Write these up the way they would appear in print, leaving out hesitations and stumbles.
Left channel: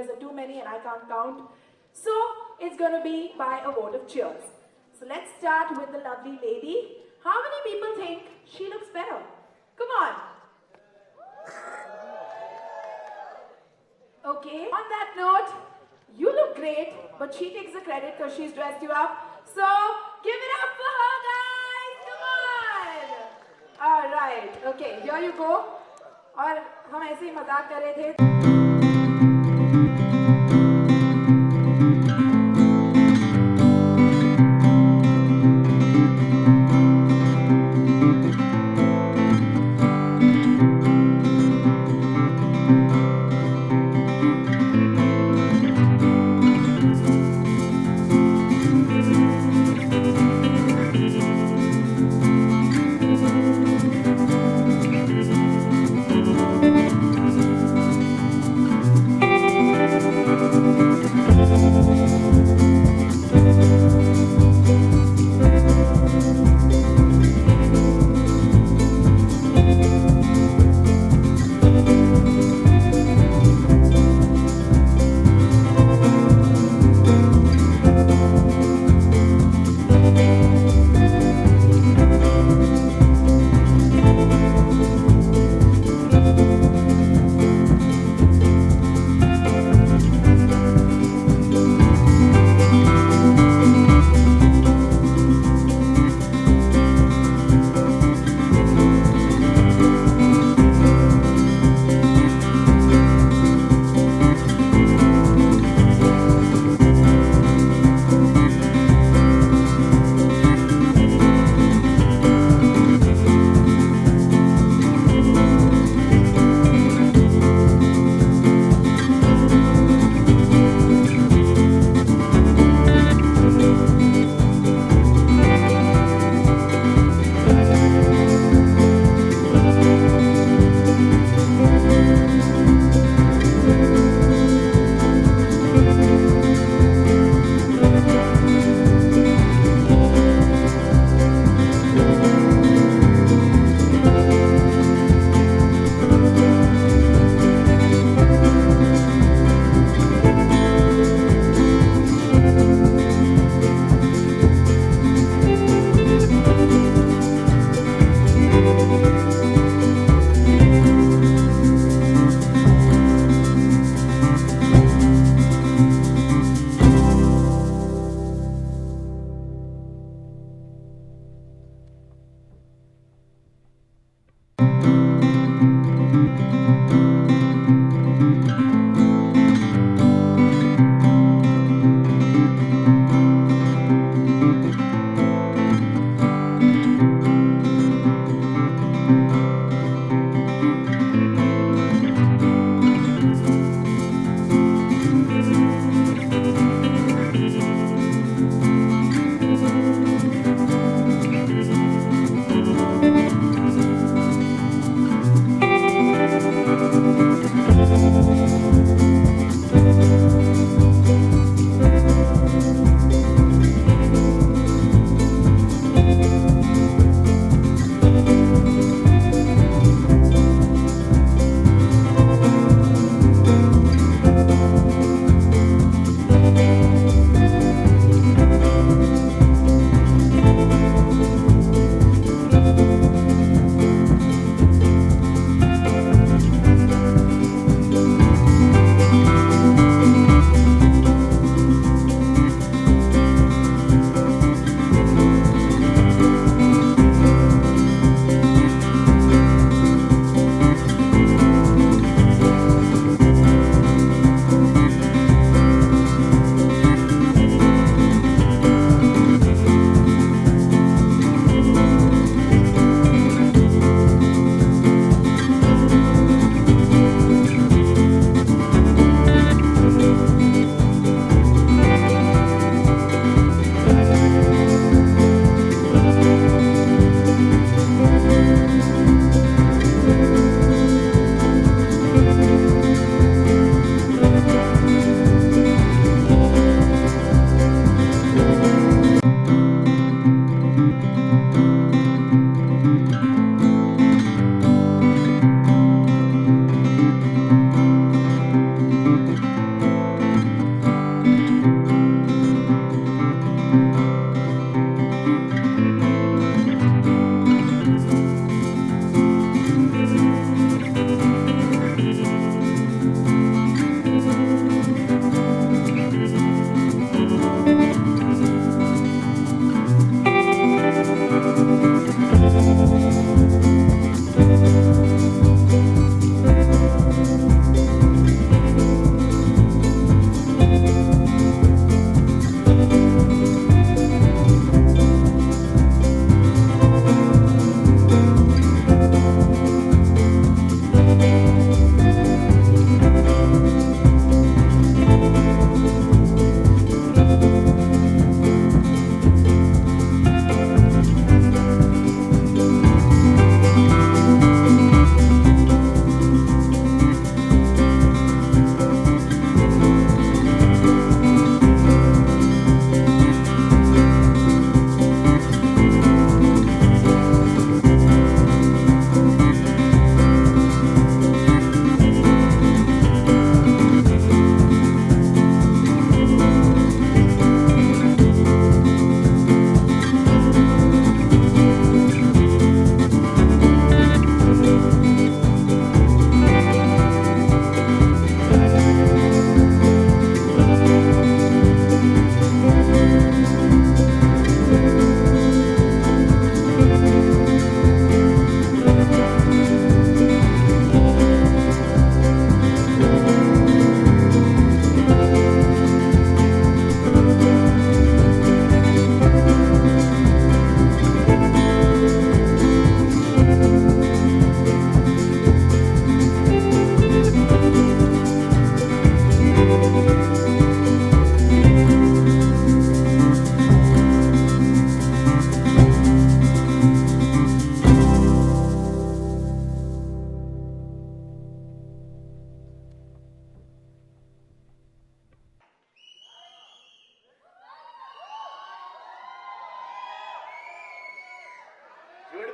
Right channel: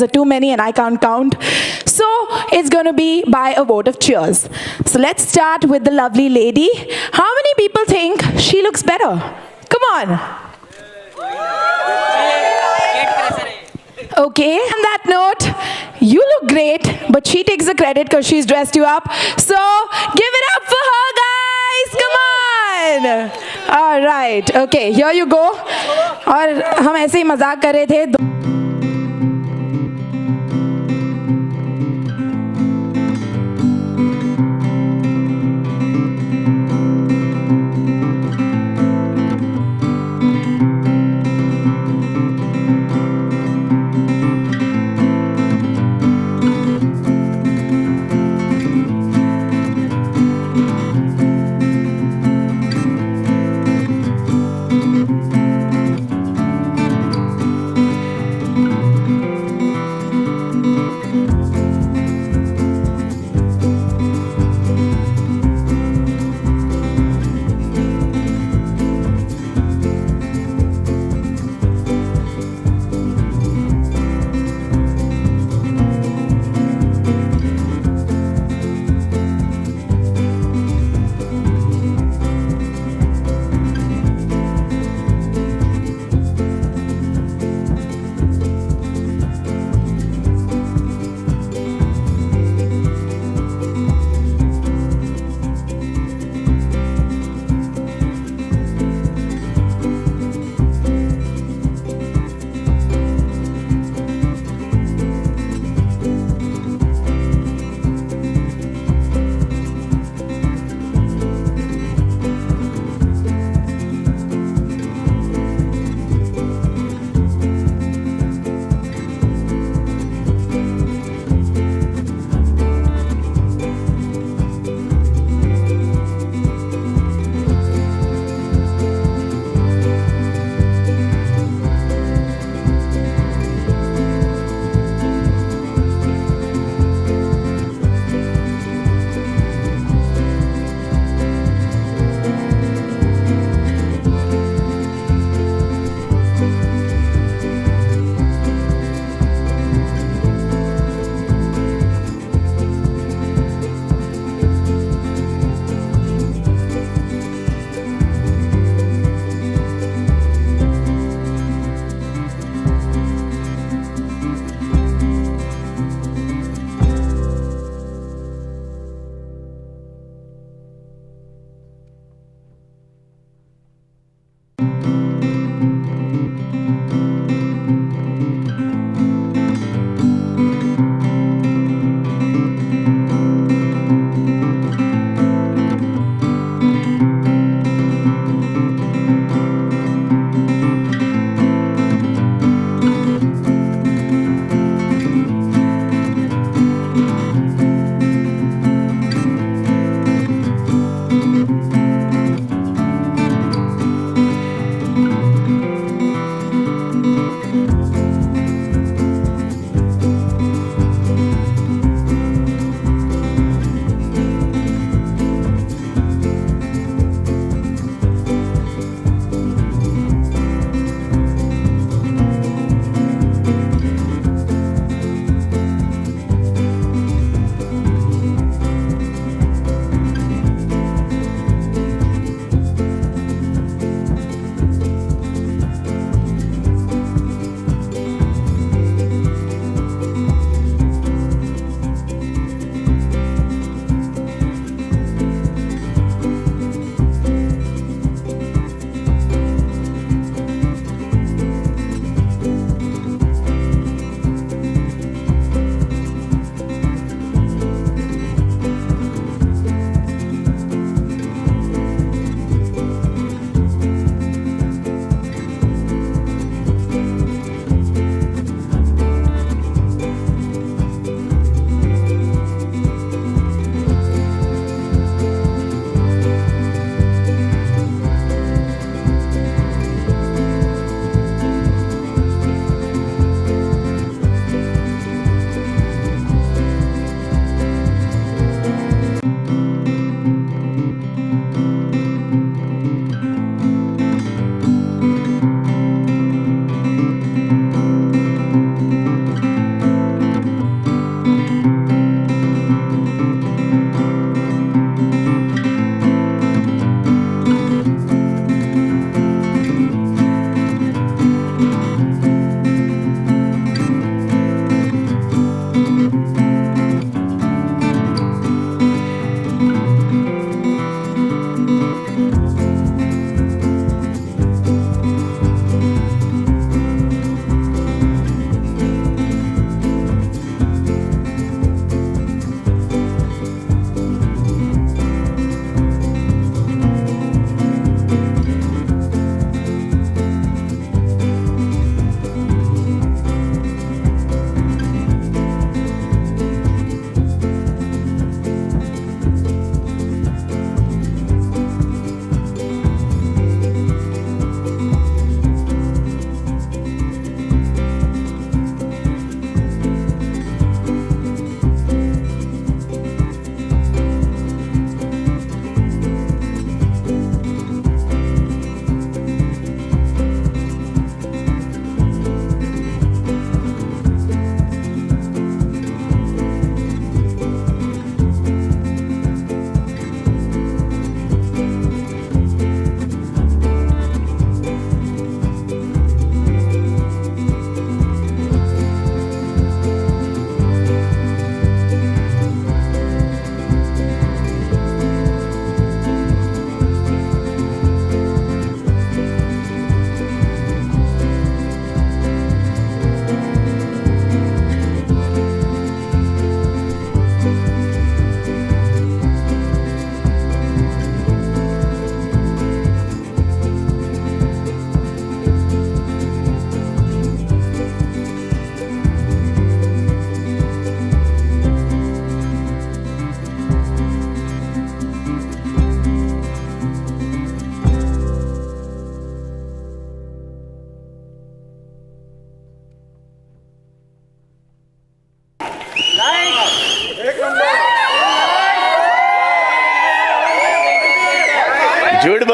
cheers are too many and I can't count. So it's going to be by a vote of cheers. So let's start with the lovely lady. How many people think she looks better? Come on. Okay, on that note, you look great, but she takes the credit because she's dressed you up. So give it up for her, guys. Come on. All right. Okay, here you go. और हम ऐसे ही मजाक कर रहे थे.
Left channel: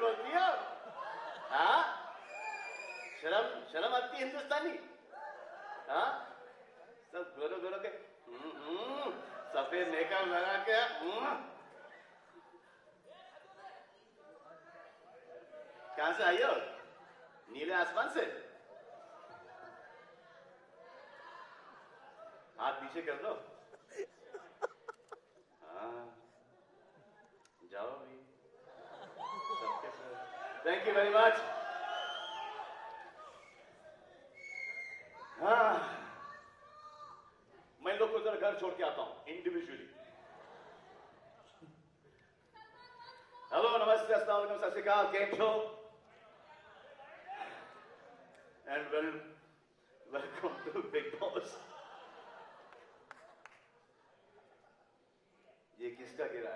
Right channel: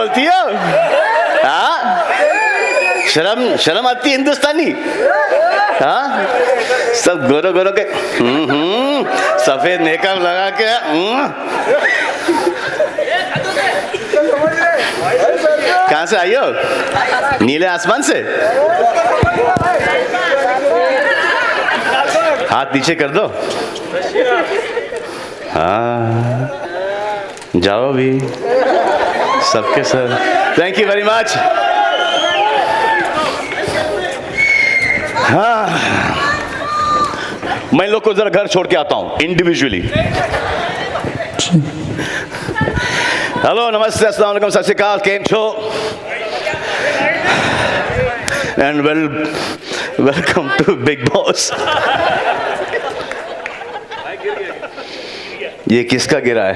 बोलती हो? हाँ, शर्म आती है हिंदुस्तानी? हाँ, सब गोरो गोरो के सफेद मेकअप लगा के कहाँ से आई हो? नीले आसमान से? हाथ नीचे कर दो। हाँ, जाओ भी सबके सब। Thank you very much. हाँ, मैं लोग को जरा घर छोड़ के आता हूं इंडिविजुअली। हेलो, नमस्ते, अस्सलाम वालेकुम, सत श्री अकाल, केम छो? And welcome to Bigg Boss. ये किसका गिरा है?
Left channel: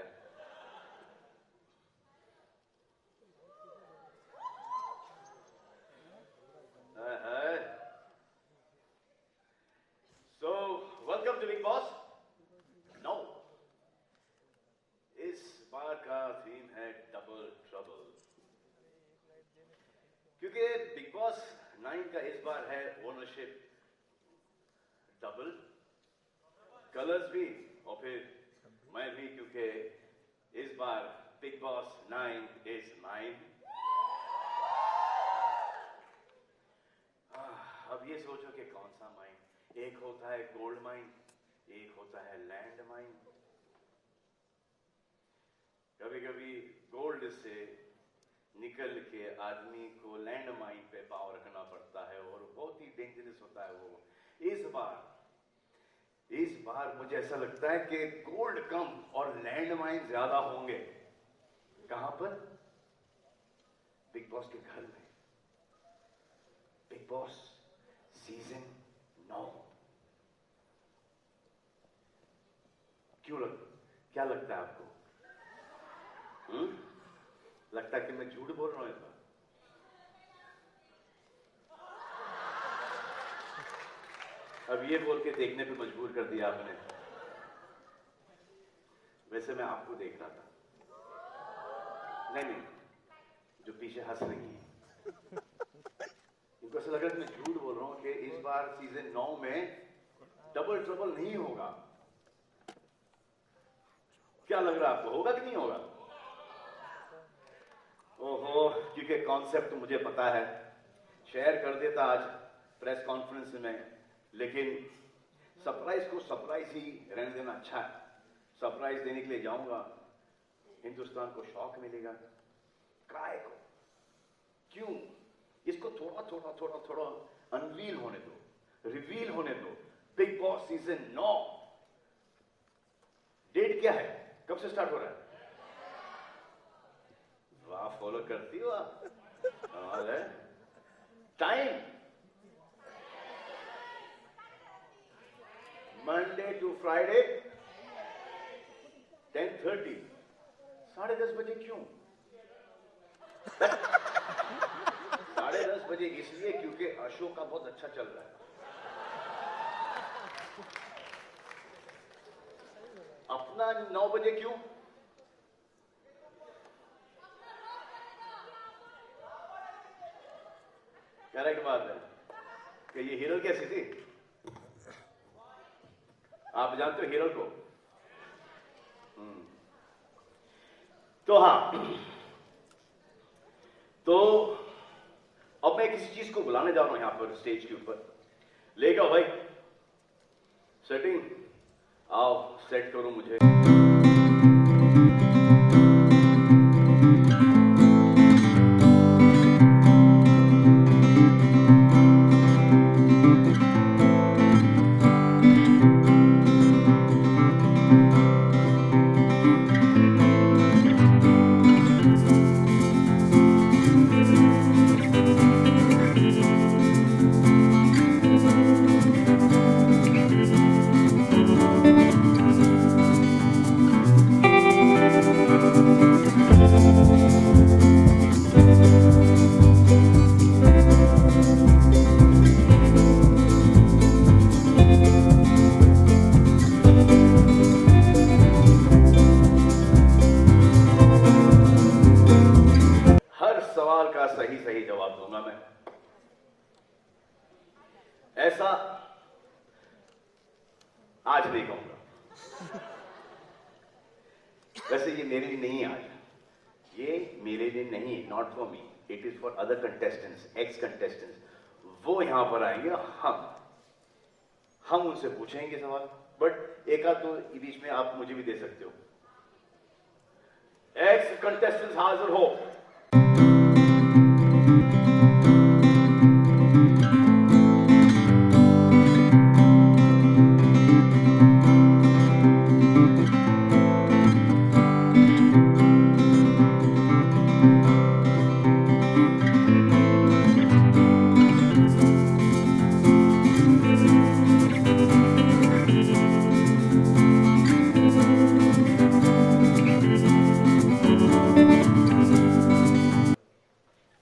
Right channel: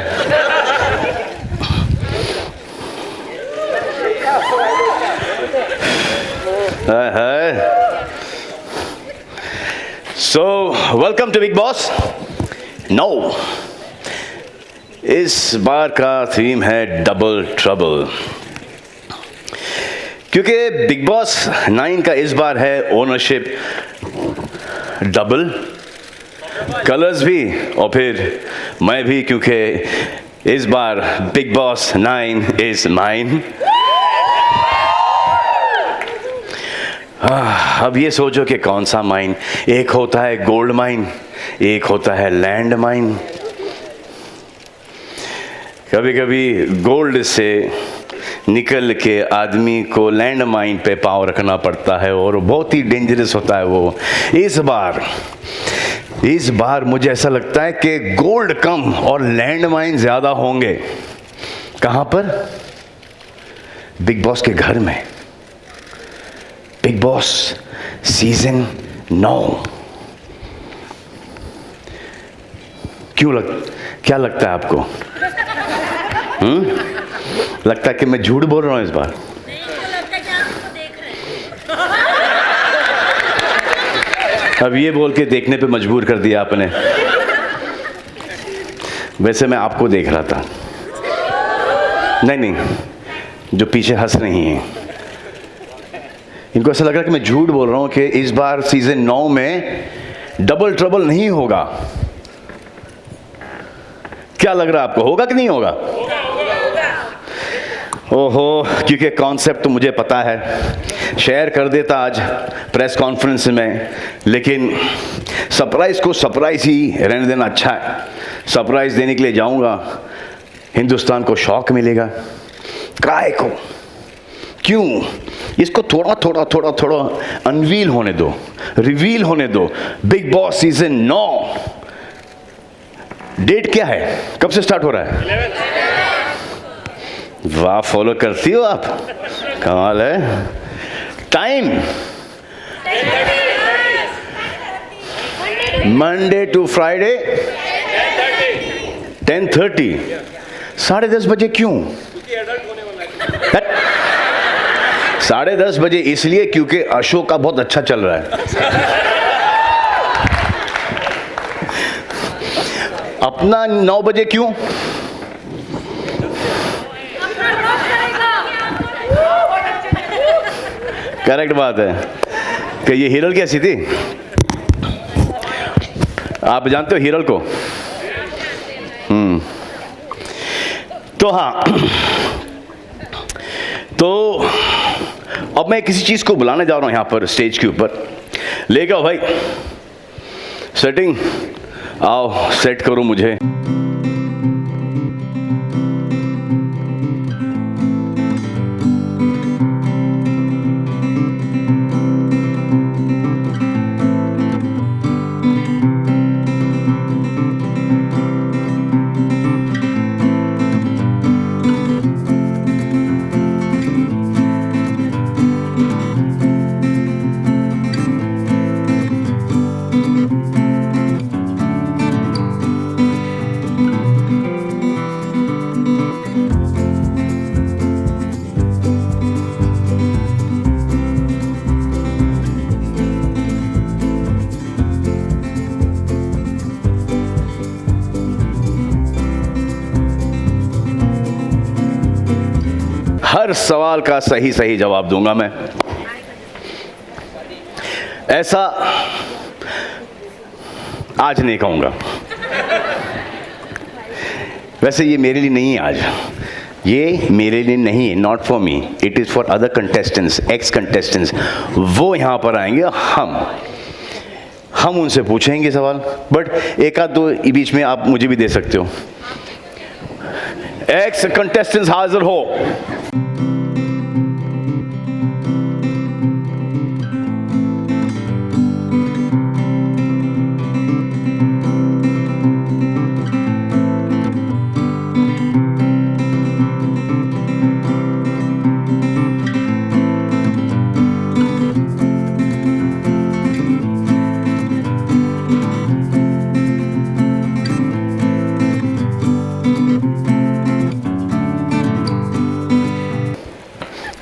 So, welcome to Big Boss. No, इस बार का थीम है डबल ट्रबल, क्योंकि बिग बॉस 9 का इस बार है ओनरशिप डबल, कलर्स भी और फिर मैं भी, क्योंकि इस बार बिग बॉस 9 इज माइन। अब ये सोचो कि कौन सा माइन। एक होता है गोल्ड माइन, एक होता है लैंड माइन। कभी कभी गोल्ड से निकल के आदमी को लैंड माइन पे पाँव रखना पड़ता है और बहुत ही डेंजरस होता है वो। इस बार मुझे ऐसा लगता है कि गोल्ड कम और लैंड माइन ज़्यादा होंगे। कहाँ पर? बिग बॉस के घर में। Big boss season 9। क्या लगता है आपको? लगता है कि मैं झूठ बोल रहा हूं इस बार? अब ये बोल के देखने पे मजबूर कर दिया आपने। वैसे मैं आपको देख रहा था। नहीं, जो पीछे हंस रही हैं, इनको ऐसा लग रहा है कि मैं झूठ बोल रहा हूं कि इस बार सीजन 9 में डबल ट्रबल नहीं होगा। क्या लग रहा है आपको, होगा कि नहीं होगा? ओहो, क्योंकि कॉन्सेप्ट तो मुझे पता है, शेयर कर देता आज प्रेस कॉन्फ्रेंस में, लेकिन सरप्राइज को सरप्राइज ही रहने देना अच्छा है। सरप्राइज देने के लिए जाऊंगा, हिंदुस्तान को शॉक मिलेगा। काय को? क्यों? इसको थोड़ा अनवील होने दो, रिवील होने दो। बिग बॉस सीजन 9 डेट क्या है? कब से स्टार्ट हो रहा है? वाह, फॉलो करती हो आप, कमाल है। Time Monday to Friday 10:30। 10:30 बजे क्यों? 10:30 बजे इसलिए क्योंकि अशोक का बहुत अच्छा चल रहा है। अपना 9 बजे क्यों? करेक्ट बात है कि ये हीरल कैसी थी? आप जानते हो हीरल को? तो हाँ, तो अब मैं किसी चीज को बुलाने जा रहा हूं यहां पर स्टेज के ऊपर। ले गया भाई, सेटिंग, आओ सेट करो मुझे। सवाल का सही सही जवाब दूंगा मैं। ऐसा आज नहीं कहूंगा। वैसे ये मेरे लिए नहीं है आज, ये मेरे लिए नहीं है, not for me, it is for other contestants, x contestants. वो यहाँ पर आएंगे, हम उनसे पूछेंगे सवाल, बट एक आध दो बीच में आप मुझे भी दे सकते हो। एक्स कंटेस्टेंट्स हाजिर हो।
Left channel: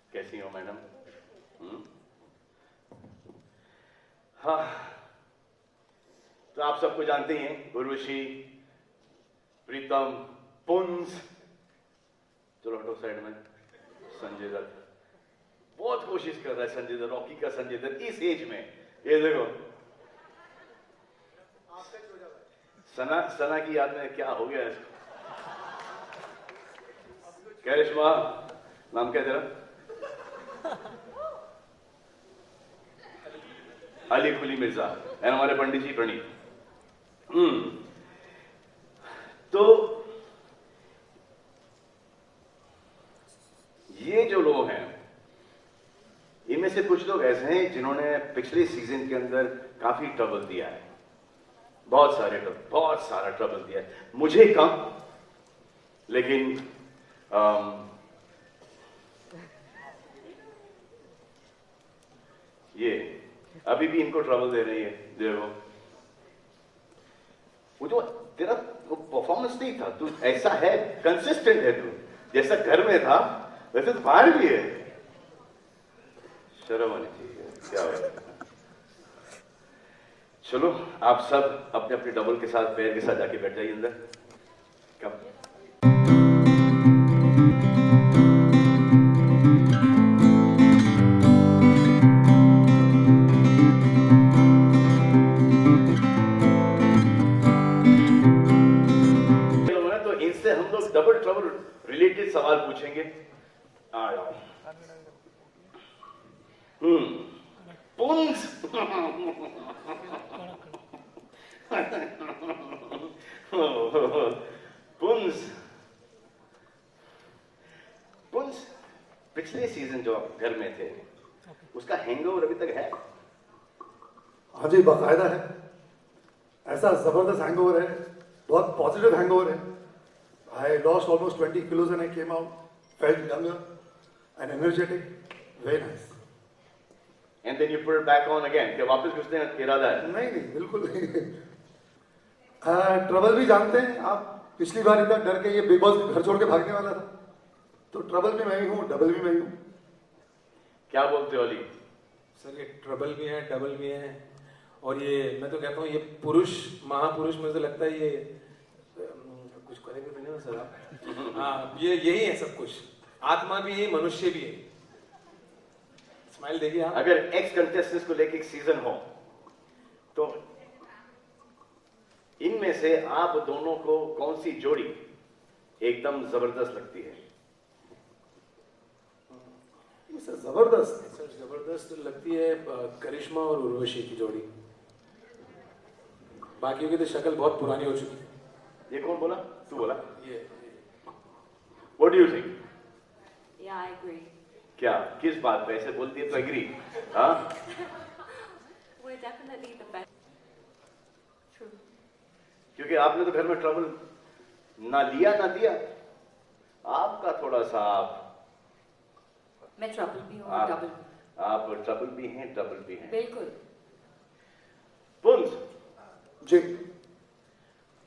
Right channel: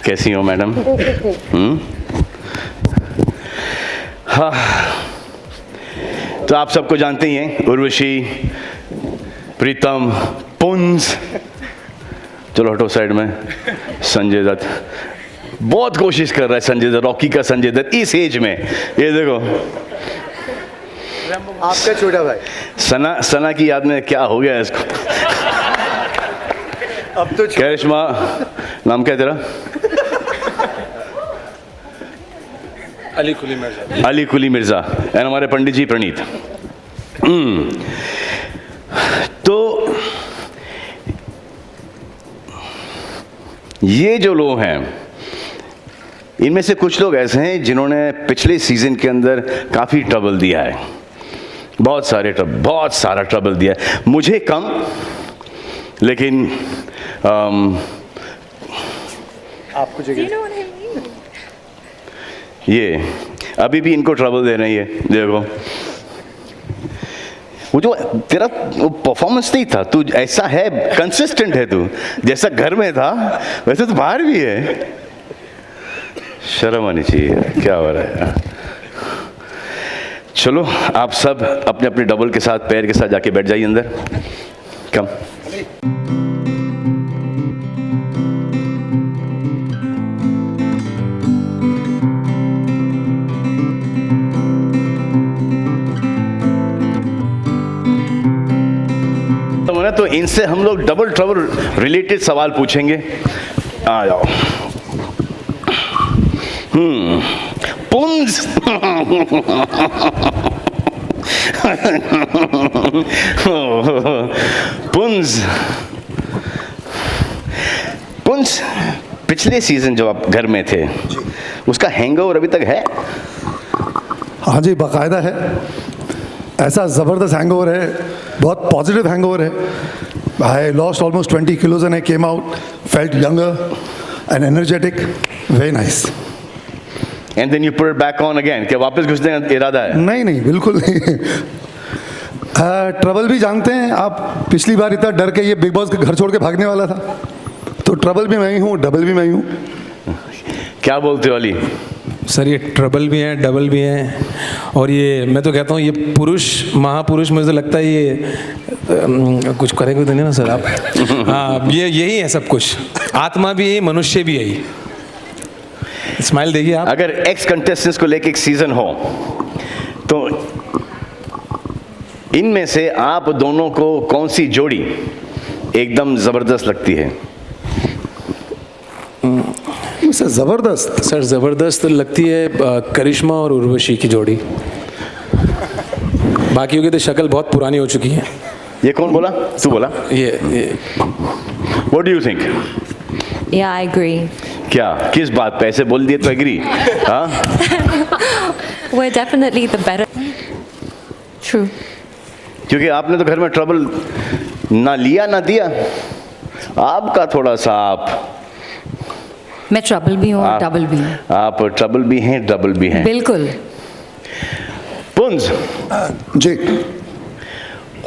कैसी हो मैडम? हाँ, तो आप सबको जानते ही हैं, उर्वशी, प्रीतम, पुंज, चलो हटो साइड में, संजय दत्त। बहुत कोशिश कर रहा है संजय दत्त, रॉकी का संजय दत्त इस एज में। ये देखो आपका छोटा भाई सना की याद में क्या हो गया इसको। अब तो करिश्मा, नाम क्या है तेरा? अली कुली मिर्जा एंड हमारे पंडित जी प्रणीत। तो ये जो लोग हैं, इनमें से कुछ लोग ऐसे हैं जिन्होंने पिछले सीजन के अंदर काफी ट्रबल दिया है, बहुत सारा ट्रबल दिया है, मुझे कम, लेकिन आपको जगह ये अभी भी इनको ट्रबल दे रही है। देखो वो जो तेरा वो परफॉर्मेंस नहीं था, तू ऐसा है, कंसिस्टेंट है तू, जैसा घर में था वैसे तो बाहर भी है। शर्म आनी चाहिए, क्या हो रहा है? चलो आप सब अपने अपने डबल के साथ, पैर के साथ जाके बैठ जाइए अंदर। कम तो इनसे हम लोग डबल ट्रबल रिलेटेड सवाल पूछेंगे। आ जाओ। पुंज पुंज पिछले सीजन जो आप घर में थे, उसका हैंगओवर अभी तक है? हाँ जी, बाकायदा है। ऐसा ज़बरदस्त हैंगओवर है, बहुत पॉजिटिव हैंगओवर है। I lost almost 20 kilos and I came out, felt younger and energetic, very nice. And then you put it back on again, क्या वापस घुसने का इरादा है? नहीं, बिल्कुल नहीं। ट्रबल भी जानते हैं आप, पिछली बार इतना डर के ये बिग बॉस के घर छोड़ के भागने वाला था, तो ट्रबल भी मैं ही हूँ, डबल भी मैं ही हूँ। क्या बोलते हो अली? सर ये ट्रबल भी हैं, डबल भी हैं, और ये मैं तो कहता हूँ ये पुरुष महापुरुष, मुझे लगता है ये कुछ करेंगे तो नहीं ना सर आप? हाँ, ये यही है सब कुछ, आत्मा भी यही, मनुष्य भी यही। स्माइल देखिए आप। अगर एक्स कंटेस्टेंट्स को लेके एक सीजन हो तो इनमें से आप दोनों को कौन सी जोड़ी एकदम जबरदस्त लगती है? सर ज़बरदस्त, सर ज़बरदस्त लगती है करिश्मा और उर्वशी की जोड़ी। बाकियों की तो शक्ल बहुत पुरानी हो चुकी है। ये कौन बोला? तू बोला? ये What do you think? Yeah, I agree. क्या, किस बात पे ऐसे बोल दिए तो एग्री? हाँ? We're definitely the better. True. क्योंकि आपने तो घर में ट्रबल ना लिया ना दिया, आपका थोड़ा सा मैं ट्रबल भी हूँ और डबल भी हूँ। आप ट्रबल भी हैं, डबल भी हैं। बिल्कुल। पुंज जी,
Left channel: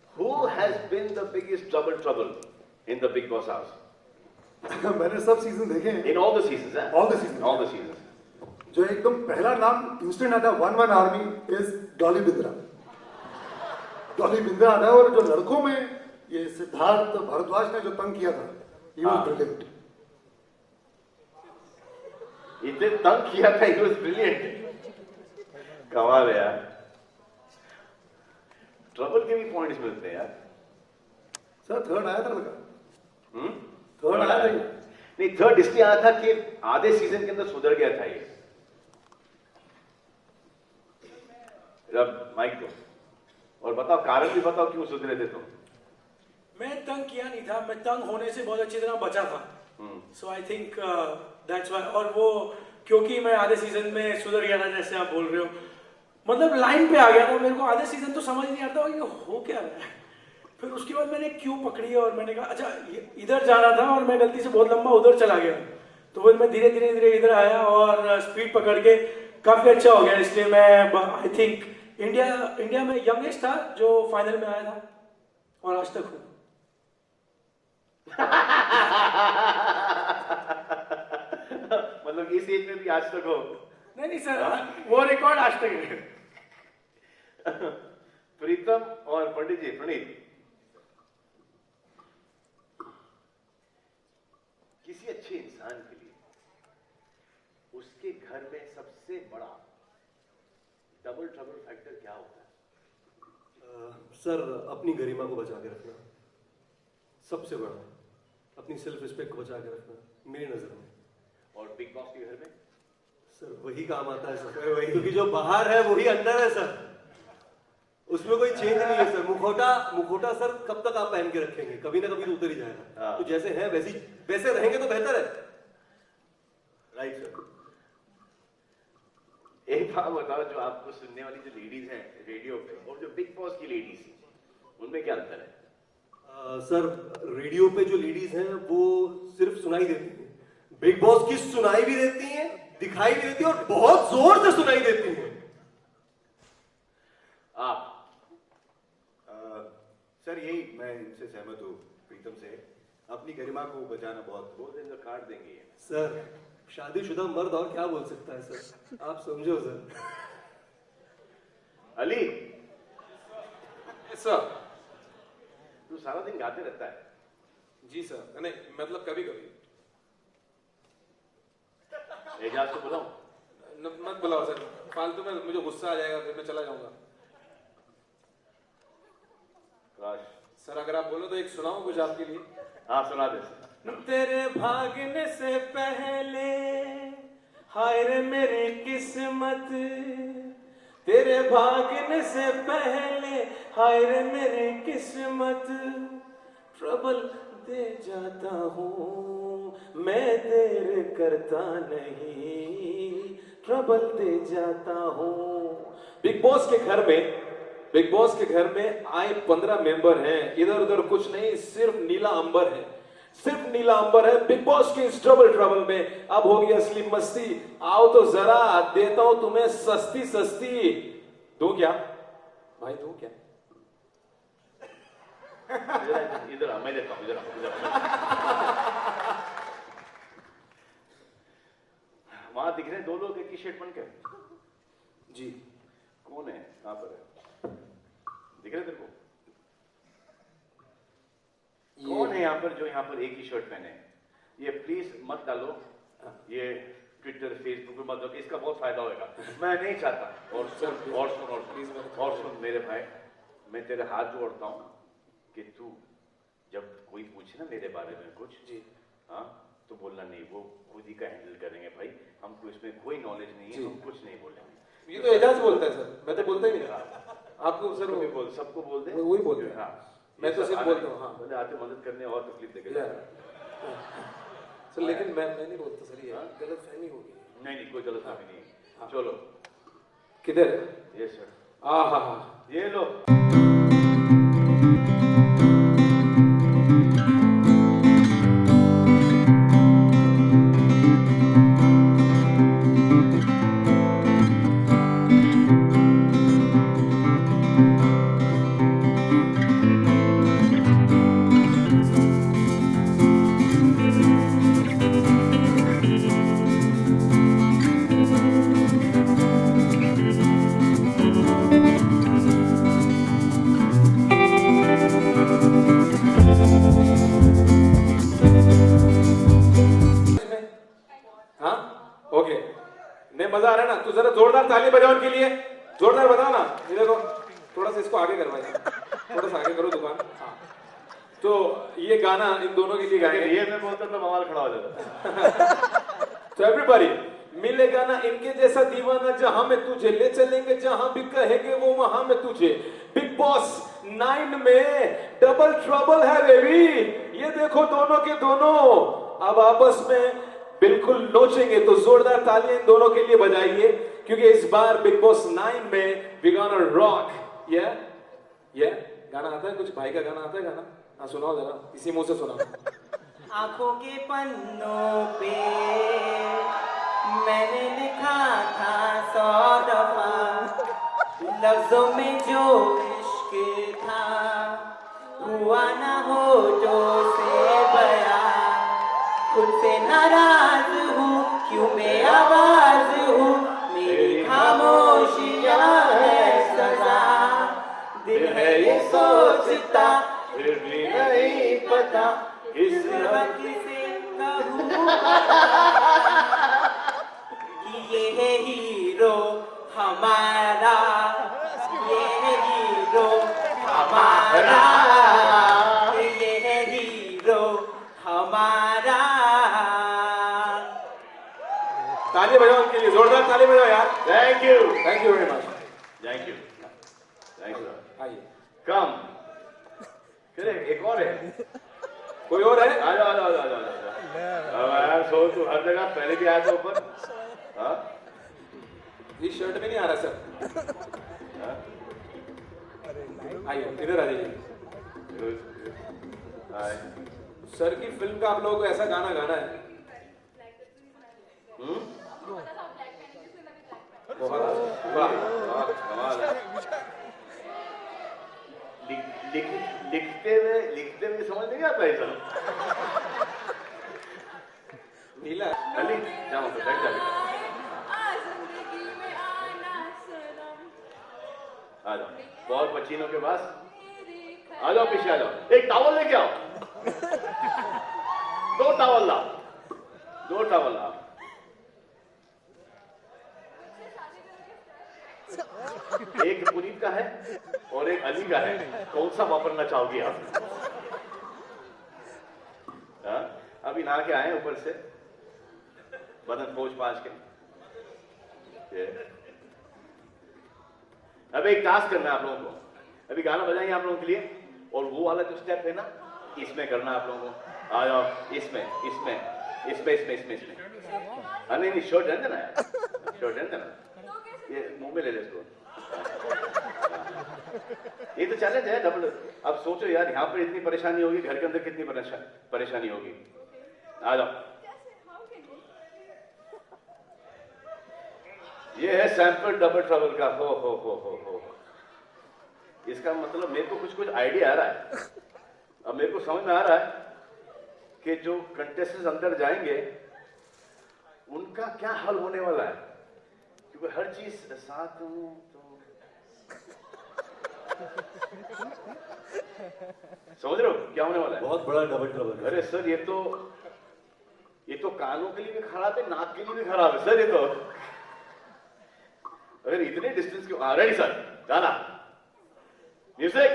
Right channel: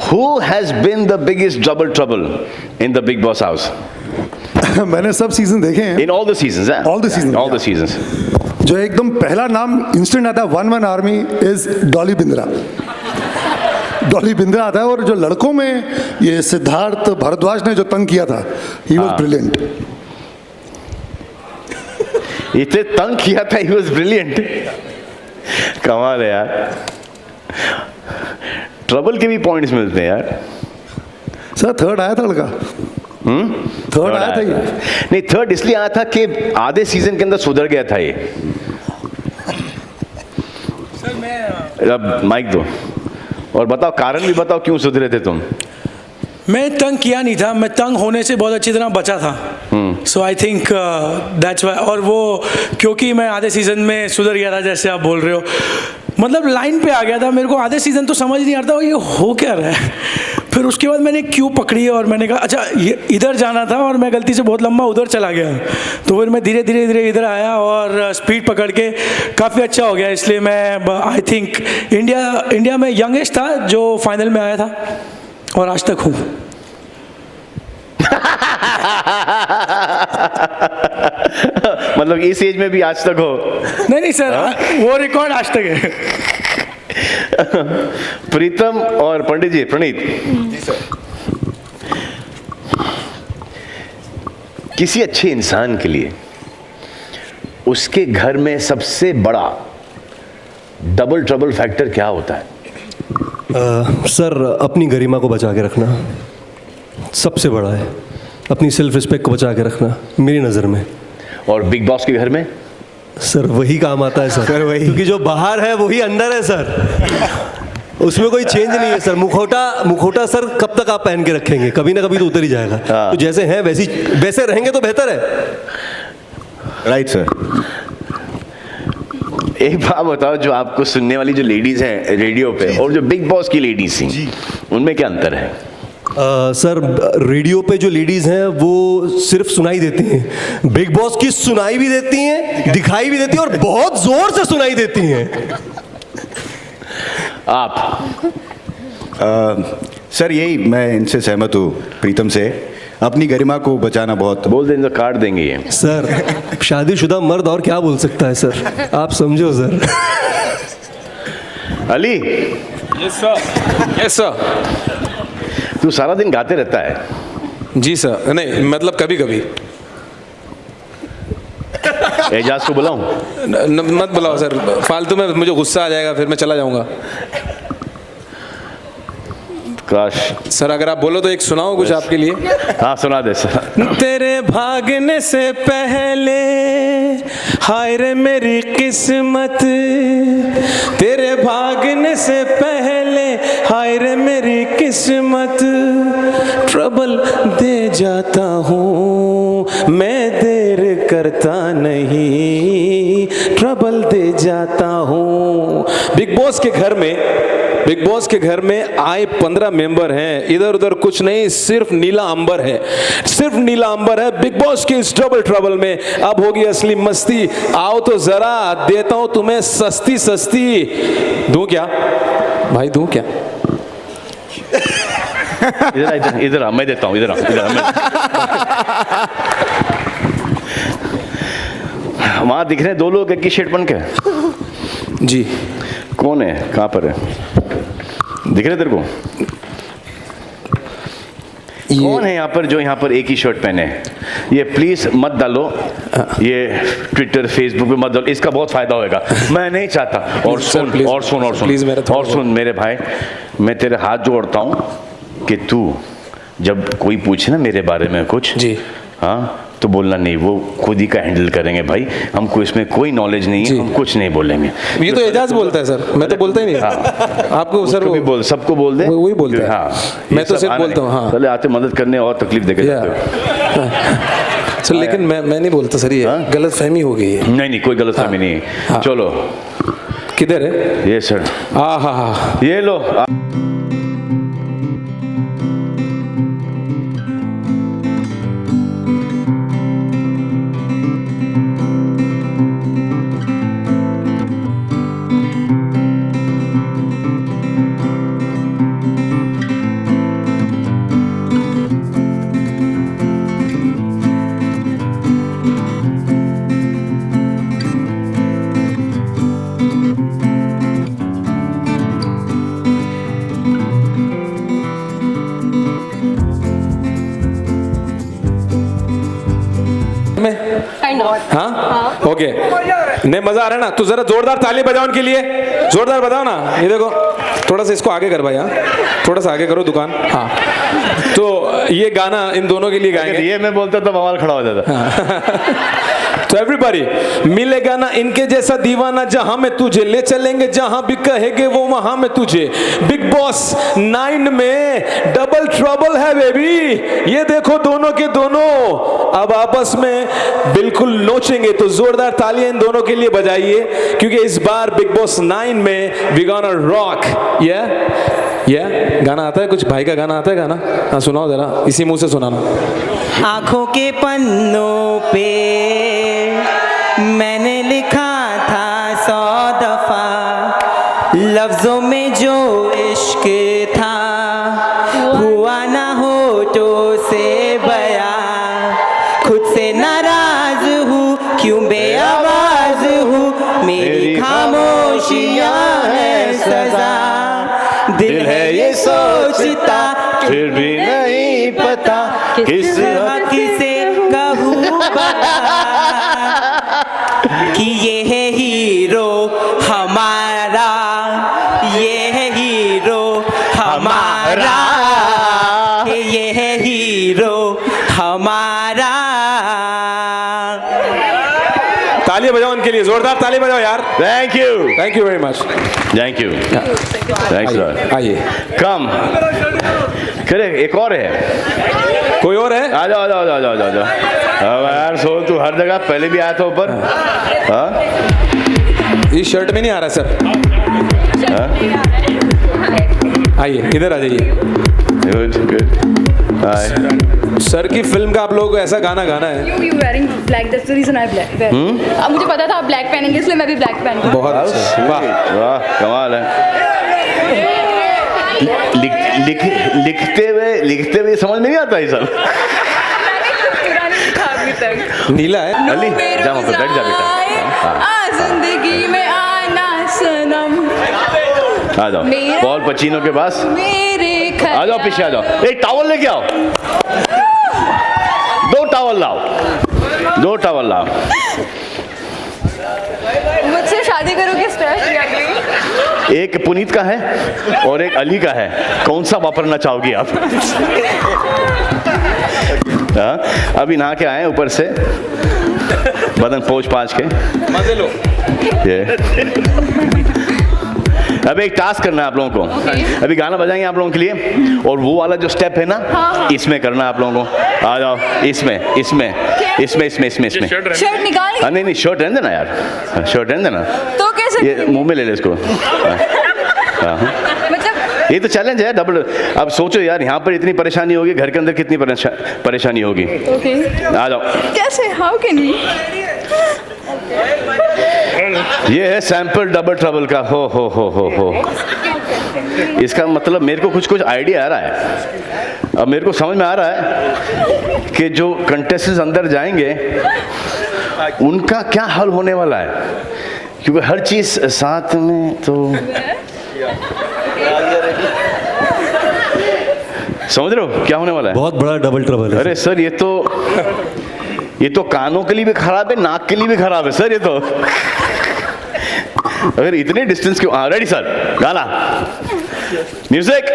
who has been the biggest double trouble in the Big Boss house? मैंने सब सीजन देखे हैं। In all the seasons, eh? All the seasons. All the seasons. जो एकदम पहला नाम इंस्टेंट आता है 1-1 आर्मी इज डॉली बिंद्रा। डॉली बिंद्रा आता है, और जो लड़कों में ये सिद्धार्थ भारद्वाज ने जो तंग किया था, ही वाज ब्रिलियंट। इतने तंग किया था, ही वाज ब्रिलियंट। कमाल है यार, ट्रबल के भी पॉइंट्स मिलते हैं यार। सर थर्ड आया था लड़का, थर्ड आया था ये। नहीं, थर्ड इसलिए आया था कि आधे सीजन के अंदर सुधर गया था ये। अब माइक दो और बताओ, कारण भी बताओ क्यों सुधरे थे तुम। मैं तंग किया नहीं था, मैं तंग होने से बहुत अच्छी तरह बचा था। सो आई थिंक दैट्स वाई। और वो क्योंकि मैं आधे सीजन में सुधर गया था, जैसे आप बोल रहे हो, मतलब लाइन पे आ गया था। मेरे को आधे सीजन तो समझ नहीं आता ये हो क्या रहा है। फिर उसके बाद मैंने क्यों पकड़ी और मैंने कहा अच्छा ये इधर जाना था, और मैं गलती से बहुत लंबा उधर चला गया। तो फिर मैं धीरे धीरे इधर आया और स्पीड पकड़ के काफ़ी अच्छा हो गया। इसलिए मैं आई थिंक इंडिया में यंगेस्ट था जो फाइनल में आया था और आज तक हूँ। मतलब इस एज में भी आज तक हो? नहीं सर, वो रिकॉर्ड आज तक है। प्रीतम और पंडित जी, प्रणीत जी सर। किसी अच्छे इंसान के लिए उसके घर में सबसे बड़ा डबल ट्रबल फैक्टर क्या होता है? सर अपनी गरिमा को बचा के रखना सबसे बड़ा है, अपनी सेल्फ रिस्पेक्ट को बचा के रखना मेरी नज़र में। और बिग बॉस के घर में? सर वही काम आता है सर वही, क्योंकि जो बाहर है वही अंदर है सर, उसमें कोई चेंज नहीं है सर। मुखौटा सर कब तक आप पहन के रखेंगे, कभी ना कभी तो उतर ही जाएगा। तो जैसे हैं वैसे रहेंगे तो बेहतर है। Right sir. एक बात बताओ, जो आपको सुनने वाली जो लेडीज हैं रेडियो पे और जो बिग बॉस की लेडीज थी, उनमें क्या अंतर है? सर रेडियो पे जो लेडीज़ हैं वो सिर्फ सुनाई देती हैं, बिग बॉस की सुनाई भी देती हैं, दिखाई भी देती हैं और बहुत जोर से सुनाई देती हैं। आप? सर यही मैं इनसे सहमत हूँ, प्रीतम से। अपनी गरिमा को बचाना बहुत। बोल देंगे तो काट देंगे ये। सर शादीशुदा मर्द और क्या बोल सकता है सर, आप समझो सर। Ali, yes sir. तू सारा दिन गाते रहता है? जी सर, नहीं मतलब कभी कभी। एजाज को बुलाऊं? मत बुलाओ सर, फालतू में मुझे गुस्सा आ जाएगा, फिर मैं चला जाऊंगा। काश सर अगर आप बोलो तो एक सुनाओ कुछ आपके लिए। हाँ सुना दे सर। तेरे भागने से पहले हाय रे मेरी किस्मत, तेरे भागने से पहले हाय रे मेरी किस्मत, ट्रबल दे जाता हूँ मैं देर करता नहीं, ट्रबल दे जाता हूँ। बिग बॉस के घर में आए 15 मेंबर हैं, इधर उधर कुछ नहीं, सिर्फ नीला अंबर है, सिर्फ नीला अंबर है। बिग बॉस के इस डबल ट्रबल में अब होगी असली मस्ती। आओ तो जरा देता हूं तुम्हें सस्ती सस्ती। दूं क्या भाई, दूं क्या? इधर मैं देता हूँ, इधर वहां दिख रहे हैं 2 लोग एक ही शर्ट पहन के। जी कौन है, कहाँ पर है, दिख रहे तेरे को? कौन है यहाँ पर जो यहाँ पर एक ही शर्ट पहने? ये प्लीज मत डालो, ये ट्विटर फेसबुक पे मत डालो, इसका बहुत फायदा होगा। मैं नहीं चाहता। और सुन मेरे भाई, मैं तेरे हाथ जोड़ता हूँ कि तू जब कोई पूछे ना मेरे बारे में कुछ, जी हाँ, तो बोलना नहीं, वो खुद ही का हैंडल करेंगे भाई, हमको इसमें कोई नॉलेज नहीं है, हम कुछ नहीं बोलेंगे। ये तो एजाज बोलता है सर, मैं तो बोलता ही नहीं। हाँ। आपको सर वो भी बोल, सबको बोल दे, वही बोलता है। हाँ, मैं तो सिर्फ बोलता हूँ। हाँ पहले आते मदद करने और तकलीफ देके जाते हो। सर लेकिन मैं नहीं बोलता सर, ये गलत फहमी हो गई है। नहीं कोई गलत फहमी नहीं है। चलो किधर है ये सर? हाँ ये लो। नहीं मजा आ रहा है ना, तो जरा जोरदार ताली बजाओ उनके लिए, जोरदार बजाओ ना। ये देखो थोड़ा सा इसको आगे कर भाई, हाँ थोड़ा सा आगे करो दुकान। हाँ तो ये गाना इन दोनों के लिए गाएंगे। ये मैं बोलता तो बवाल खड़ा हो जाता। तो एवरीबॉडी, मिलेगा ना इनके जैसा दीवाना, जहां में तुझे ले चलेंगे, जहां भी कहेंगे वो वहां में तुझे। बिग बॉस 9 में डबल ट्रबल है बेबी। ये देखो दोनों के दोनों अब आपस में बिल्कुल नोचेंगे, तो जोरदार तालियां इन दोनों के लिए बजाइए, क्योंकि इस बार बिग बॉस 9 में वी गोना रॉक। गाना आता है कुछ? भाई का गाना आता है गाना? हाँ सुनाओ जरा, इसी मुंह से सुनाना। आंखों के पन्नों पे मैंने लिखा था 100 दफा, लफ्जों में जो इश्क था हुआ ना होठों से बयां। खुद से नाराज हूँ, क्यों बेआवाज हूँ, मेरी खामोशियाँ है सजा। दिल है ये सोचता, फिर भी नहीं पता किस हक से कहूँ कि ये है हीरो हमारा, ये है हीरो हमारा, ये है हीरो हमारा। ताली बजाओ उनके लिए, जोरदार ताली बजाओ यार। Thank you very much. Thank you thanks lot. आइए, कम करे, एक और है, कोई और है? आ जाओ आ जाओ आ जाओ आ जाओ। अब यार सोल तू हर जगह पहले भी आया था ऊपर। हाँ इस शर्ट में नहीं आ रहा सर। आइए इधर आ जाइए। Good good. सर की फिल्म का आप लोगों को ऐसा गाना गाना है। You wearing black, that's the reason I black. अब मुझे पता था आप ब्लैक पहनेंगे, इसलिए मैं भी ब्लैक पहनूंगी। बहुत अच्छा, वाह। वाह कमाल है। लिखते हुए समझ में नहीं आता ये सब। पूरा नहीं लिखा अभी तक। नीला है। अली जा वहाँ पे बैठ जा बेटा। जिंदगी में आना सनम, आ जाओ पॉल पचीनो के पास। मेरे आ जाओ पीछे आ जाओ। एक टावल लेके आओ, 2 टावल लाओ, 2 टावल लाओ। मुझसे शादी करोगे? स्ट्रेस लिया कोई? एक पुनीत का है और एक अली का है, कौन सा वापरना चाहोगी आप? हाँ अभी नहा के आए ऊपर से, बदन पोंछ पाँच के मजे लो। अब एक टास्क करना है आप लोगों को। अभी गाना बजाएंगे आप लोगों के लिए, और वो वाला जो स्टेप है ना, इसमें करना है आप लोगों को। आ जाओ, इसमें इसमें इसमें इसमें इसमें इसमें शर्ट निकाल। हाँ नहीं शर्ट रहने देना यार, शर्ट रहने देना। तो कैसे? ये मुंह में ले ले इसको। मतलब ये तो चैलेंज है डबल। अब सोचो यार, यहाँ पर इतनी परेशानी होगी, घर के अंदर कितनी परेशानी होगी। ओके आ जाओ। कैसे? How can you? ये है सैंपल डबल ट्रबल का। हो इसका मतलब मेरे को कुछ आइडिया आ रहा है। अब मेरे को समझ में आ रहा है कि जो कंटेस्टेंट्स अंदर जाएंगे उनका क्या हल होने वाला है, क्योंकि हर चीज साथ में तो समझ रहे हो क्या होने वाला है। बहुत बड़ा डबल ट्रबल है। अरे सर ये तो कानों के लिए भी खराब है, नाक के लिए भी खराब है सर ये तो। अगर इतने डिस्टेंस क्यों? हाँ रेडी सर, गाना music.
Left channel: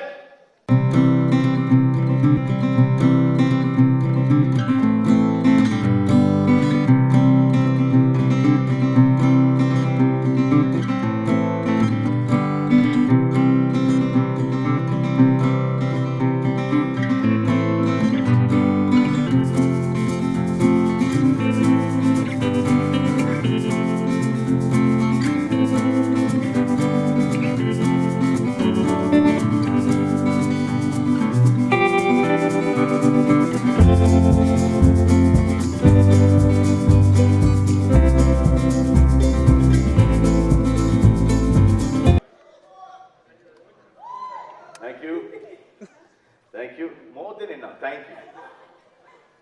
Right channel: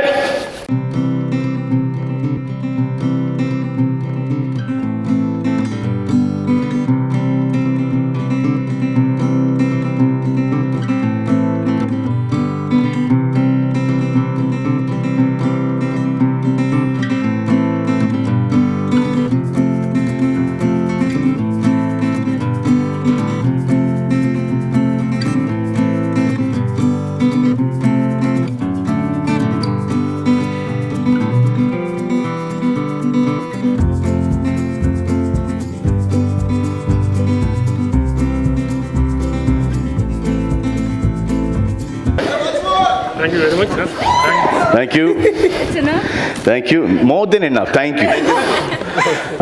Thank you, more than enough, thank you.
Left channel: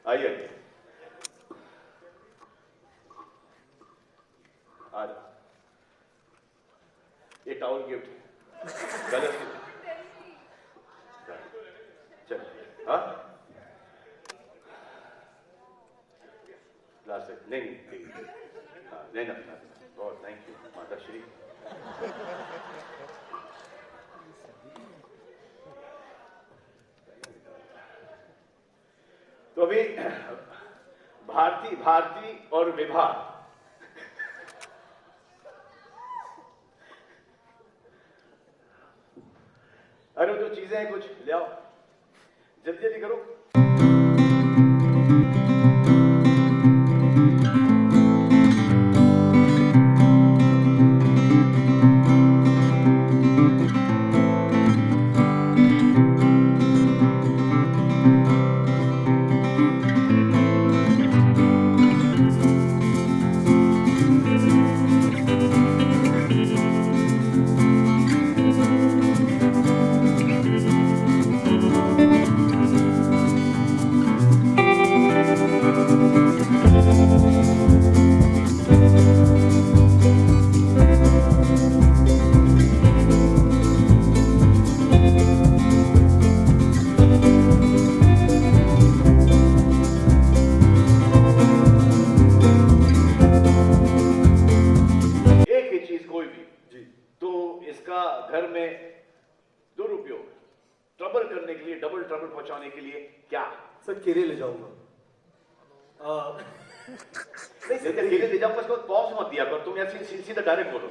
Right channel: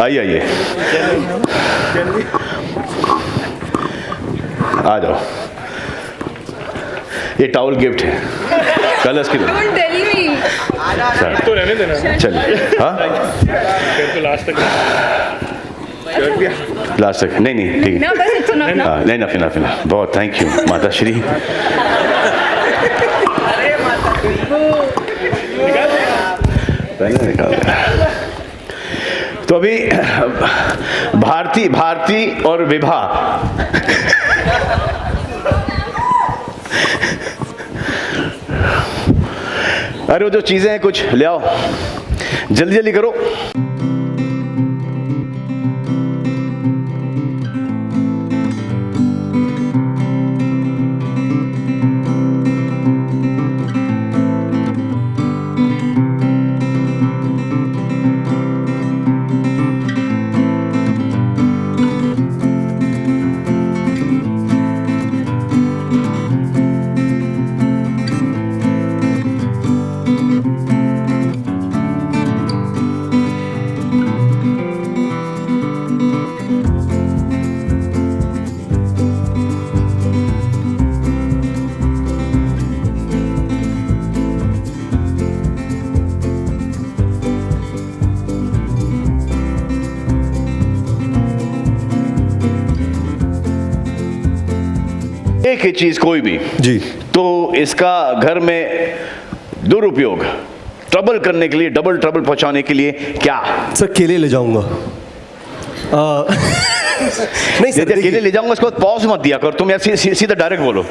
आइए आ जाओ, ये टॉवल गिफ्ट है, कलर्स की Don't tell me. तो रहने देना, चलिए। हाँ लास्ट तक नहीं नहीं ठीक है No, बस it's enough now. हाँ, नहीं ना बहुत थैंक यू माता श्री। पहले निकाल दिया। तो अभी भारती और विभा अरे वो जो चीजें हैं कुछ ले आओ, जल्दी जल्दी करो। एक ही चीज कोई भी जी तो इसका घर में दुरुपयोग ट्रबल करने के लिए, डबल ट्रबल पहुंचाने के लिए क्या? सर केले ले जाऊंगा। नहीं सर जब केले ले जाऊंगा उसके बाद पॉज मत दिया कर, तुम यार सीधा डायरेक्ट बोलो।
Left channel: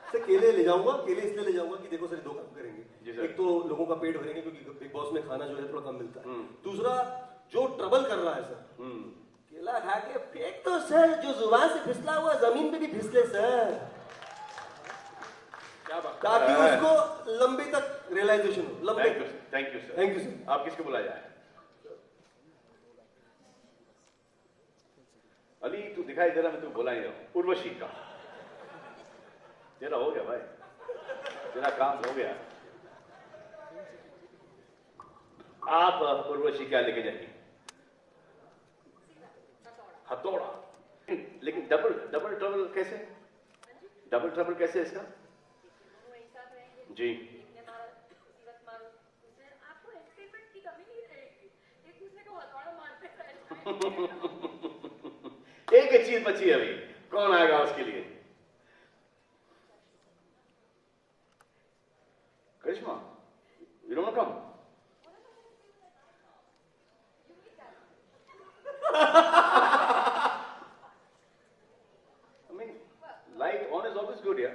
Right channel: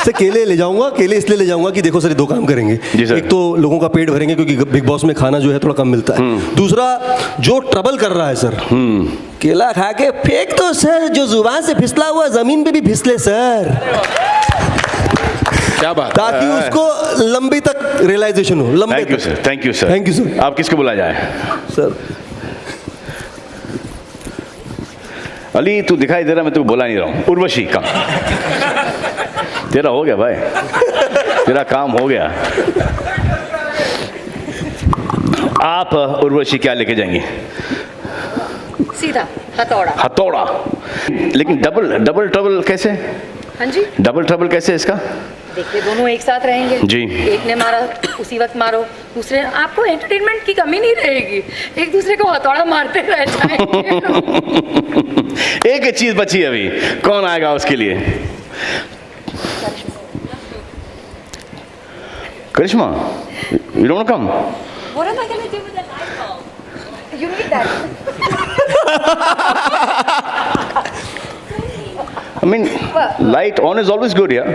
सर केले ले जाऊंगा, केले इसलिए ले जाऊंगा कि देखो सर ये दो काम करेंगे। जी सर। एक तो लोगों का पेट भरेंगे क्योंकि बिग बॉस में खाना जो है थोड़ा कम मिलता है। दूसरा जो ट्रबल कर रहा है सर, केला खा के फेंक दो सर, जो जुबान से फिसला हुआ जमीन पे भी फिसले सर, क्या बात, ताकि उसको लंबी तक रियलाइजेशन हो। लंबे thank you sir, thank you sir, thank you sir. आप किसको बुला जाए? सर अली तू दिखाई दे रहा, मैं तू बुला नहीं रहा हूँ। उर्वशी का तेरा हो गया भाई, तेरा काम हो गया। आप उर्वशी क्या लेके जाएंगी? सीधा हथौड़ा। हथौड़ा। लेकिन डबल ट्रबल कैसे? हाँ जी, डबल ट्रबल कैसे इसका? देखिए दोनों एक साथ रहेंगे जी। एक ने मारा उसी वक्त मारो, दूसरे, आपको एंटरटेनमेंट की कमी नहीं रहेगी, एक दूसरे को हथौड़ा मारते रह जाएंगे। एक ही चीज बची अभी, कौन आएगा उसके लिए? करिश्मा, you don't come? What am I going to do with the light bulb? You need that. I mean, light on is always good, yeah?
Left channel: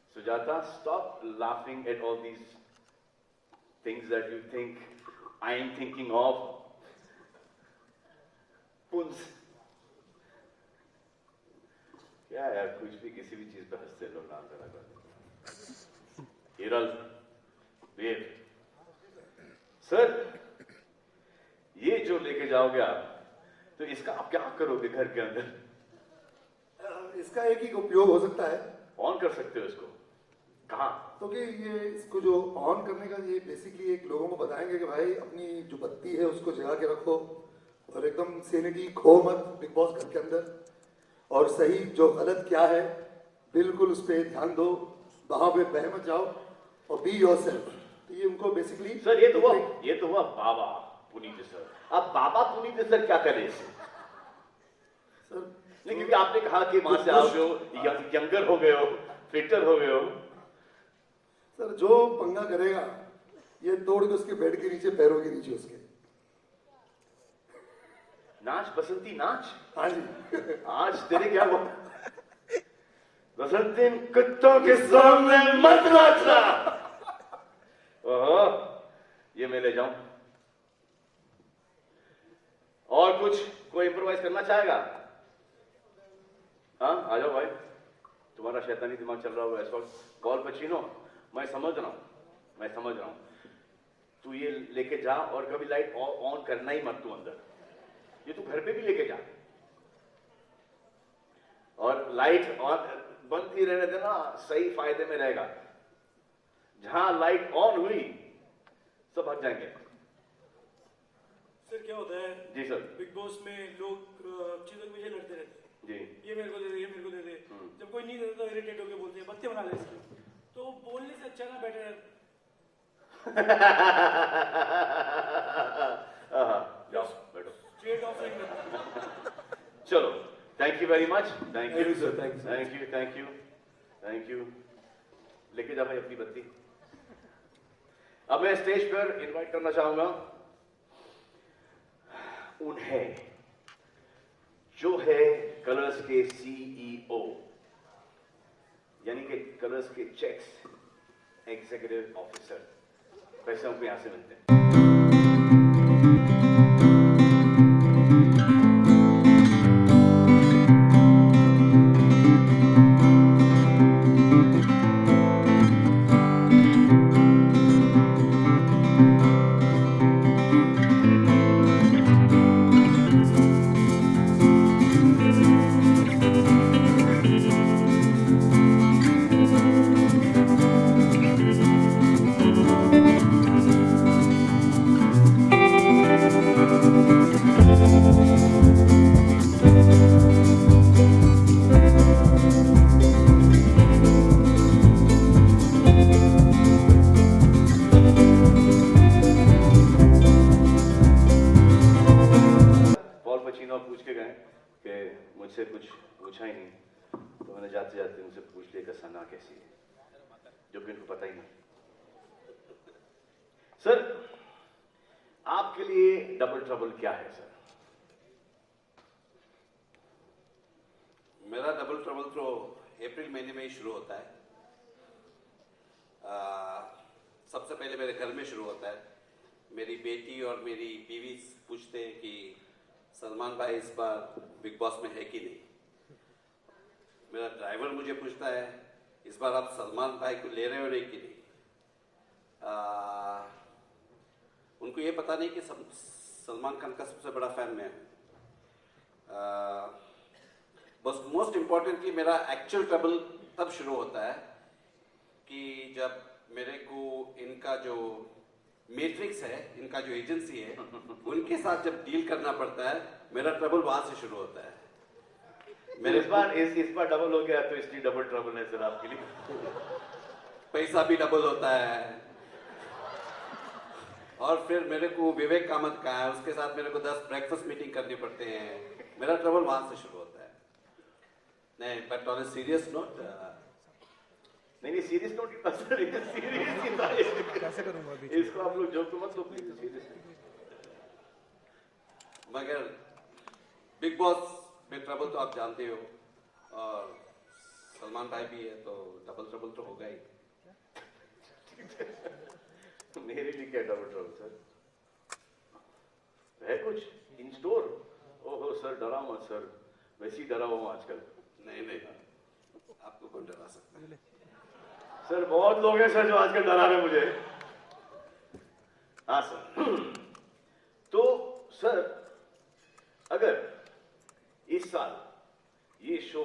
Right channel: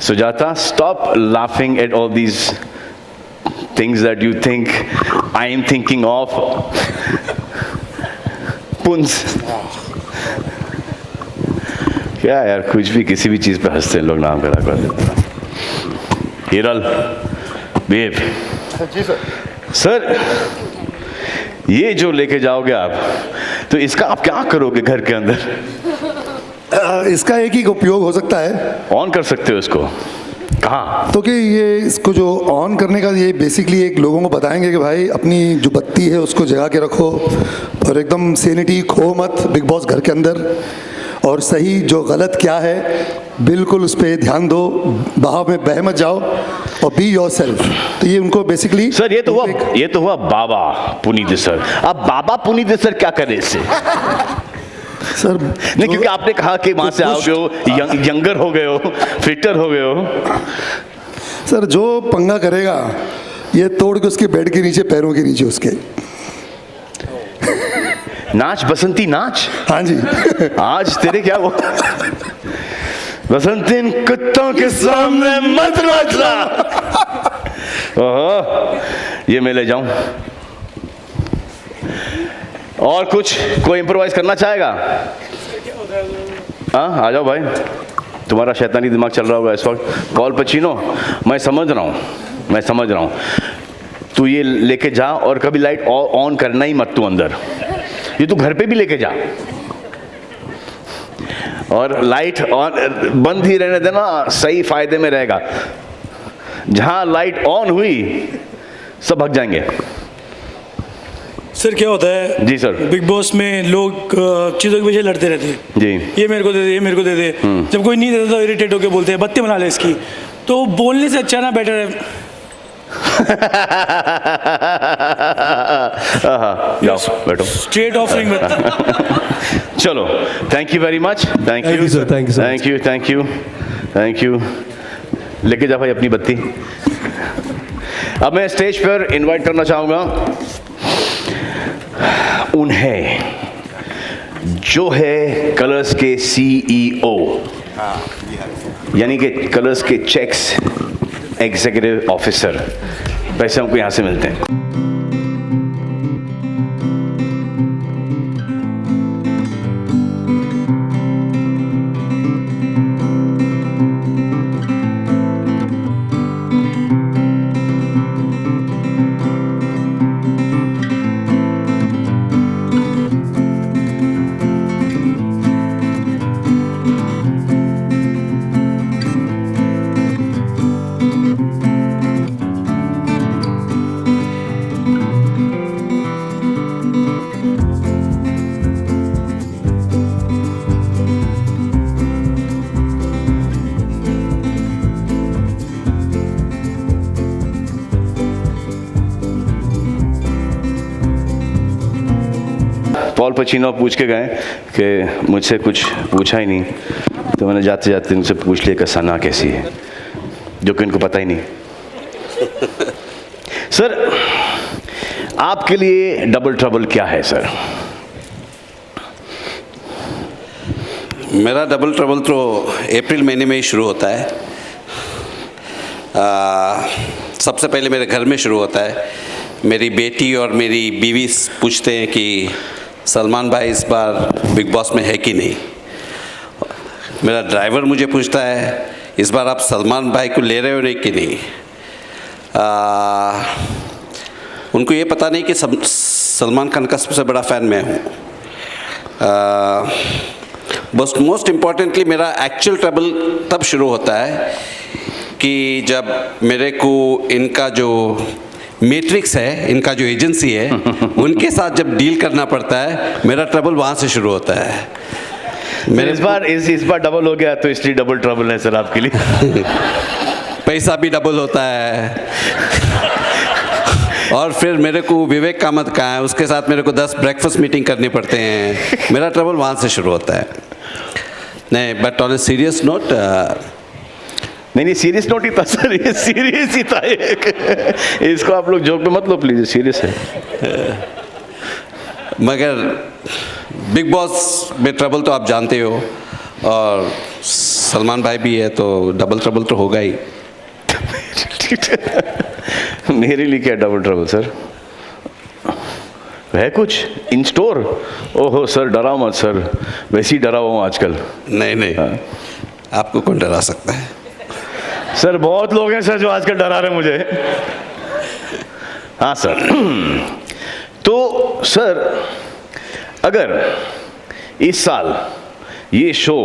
Sujata, stop laughing at all these things that you think I am thinking of. Puns. क्या यार, कुछ भी किसी भी चीज पे हंसते हैं लोग, नाम करा कर देते हैं। हिरल, बेब। जी सर। सर, ये जो लेके जाओगे आप, तो इसका आप क्या करोगे घर के अंदर? इसका एक ही उपयोग हो सकता है, ऑन कर सकते हो इसको। कहाँ? तो कि ये इसको जो ऑन करने का, ये बेसिकली एक लोगों को बताएंगे कि भाई अपनी जो बत्ती है उसको जगा के रखो और एकदम सेनिटी खो मत बिग बॉस घर के अंदर, और सही जो गलत क्या है बिल्कुल उस पर ध्यान दो, बहाव में बह मत जाओ और बी योरसेल्फ। तो ये उनको बेसिकली सर, ये तो हुआ बाबा पुनीत सर। अब बाबा पुनीत सर क्या करें इससे? सर नहीं, क्योंकि आपने कहा कि वहां से आओगे हो, यंगर हो गए हो, फिटर हो गए हो। सर जो पंगा करेगा ये तोड़ के उसके बेड के नीचे, पैरों के नीचे उसके। नाच बसंती नाच। हाँ जी। आज तेरे क्या वो बसंती कुत्तों के सामने मत नाचना। ओहो, ये मैं ले जाऊं। और कुछ कोई इम्प्रोवाइज करना चाहेगा? हाँ, आ जाओ भाई, तुम्हारा शैतानी दिमाग चल रहा होगा इस वक्त। पॉल पचीनो, मैं समझ रहा हूँ। तू ये लेके जा और कभी लाइट ऑन करना ही मत तू अंदर। ये तू घर पे भी लेके जा और लाइट ऑन बंद ही रहने देना, सही फायदे में रहेगा। जहां लाइट ऑन हुई सब भाग जाएंगे। सर क्या होता है जी सर, बिग बॉस में लोग चीज़ों के पीछे लड़ते रहते हैं जी, ये मेरे को दे दे, ये मेरे को दे दे। जब कोई नहीं देता तो इरिटेट होकर बोलते हैं बत्ती बना ले इसकी। तो बोलने से अच्छा ना बेटर है जाओ बैठो। स्ट्रेट ऑफरिंग में चलो, thank you very much. Thank Thank you you, sir. Thank you so much. Thank you thank you thank you. लेके जा भाई अपनी बत्ती। अब मैं स्टेज पर इनवाइट करना चाहूंगा उन्हें जो है कलर्स के CEO, यानी कि कलर्स के चेक्स एग्जीक्यूटिव ऑफिसर, पैसे हमको यहां से मिलते हैं। पॉल पचीनो पूछ के गए कि मुझसे कुछ पूछा ही नहीं, तो मैंने जाते जाते उनसे पूछ लिया कि सना कैसी है, जो कि उनको पता ही नहीं। सर, आपके लिए डबल ट्रबल क्या है सर? मेरा डबल ट्रबल तो अप्रैल महीने में ही शुरू होता है। सबसे पहले मेरे घर में शुरू होता है। मेरी बेटी और मेरी बीवी पूछते हैं कि सलमान भाई इस बार बिग बॉस में है कि नहीं। मेरा ड्राइवर मुझे पूछता है इस बार आप सलमान भाई को ले रहे हो नहीं कि नहीं। उनको ये पता नहीं कि सलमान खान का सबसे बड़ा फ़ैन मैं हूँ। बस मोस्ट इम्पॉर्टेंटली मेरा एक्चुअल ट्रबल तब शुरू होता है कि जब मेरे को इनका जो मैट्रिक्स है, इनका जो एजेंसी है, उनके साथ जब डील करना पड़ता है, मेरा ट्रबल वहाँ से शुरू होता है। मेरे इस बार डबल हो गया तो इसलिए डबल ट्रबल है सर आपके लिए। पैसा भी डबल होता है और फिर मेरे को विवेक कामत का है, उसके साथ मेरे को 10 ब्रेकफास्ट मीटिंग करने पड़ते हैं। मेरा ट्रबल वहाँ से शुरू होता है। नहीं, but on a serious note, नहीं सीरियस नोट ही था सर, ये सीरियस ही था एक। इसको आप लोग जोक में मत लो प्लीज, सीरियस है। मगर बिग बॉस में ट्रबल तो आप जानते हो, और सलमान भाई भी है तो डबल ट्रबल तो होगा ही। मेरे लिए क्या डबल ट्रबल सर? है कुछ इन स्टोर? ओहो सर डराओ मत सर, वैसे ही डरा हुआ हूँ आजकल। नहीं नहीं, आपको कौन डरा सकता है? सर बहुत लोग हैं सर जो आजकल डरा रहे हैं मुझे। हाँ सर। तो सर अगर इस साल ये शो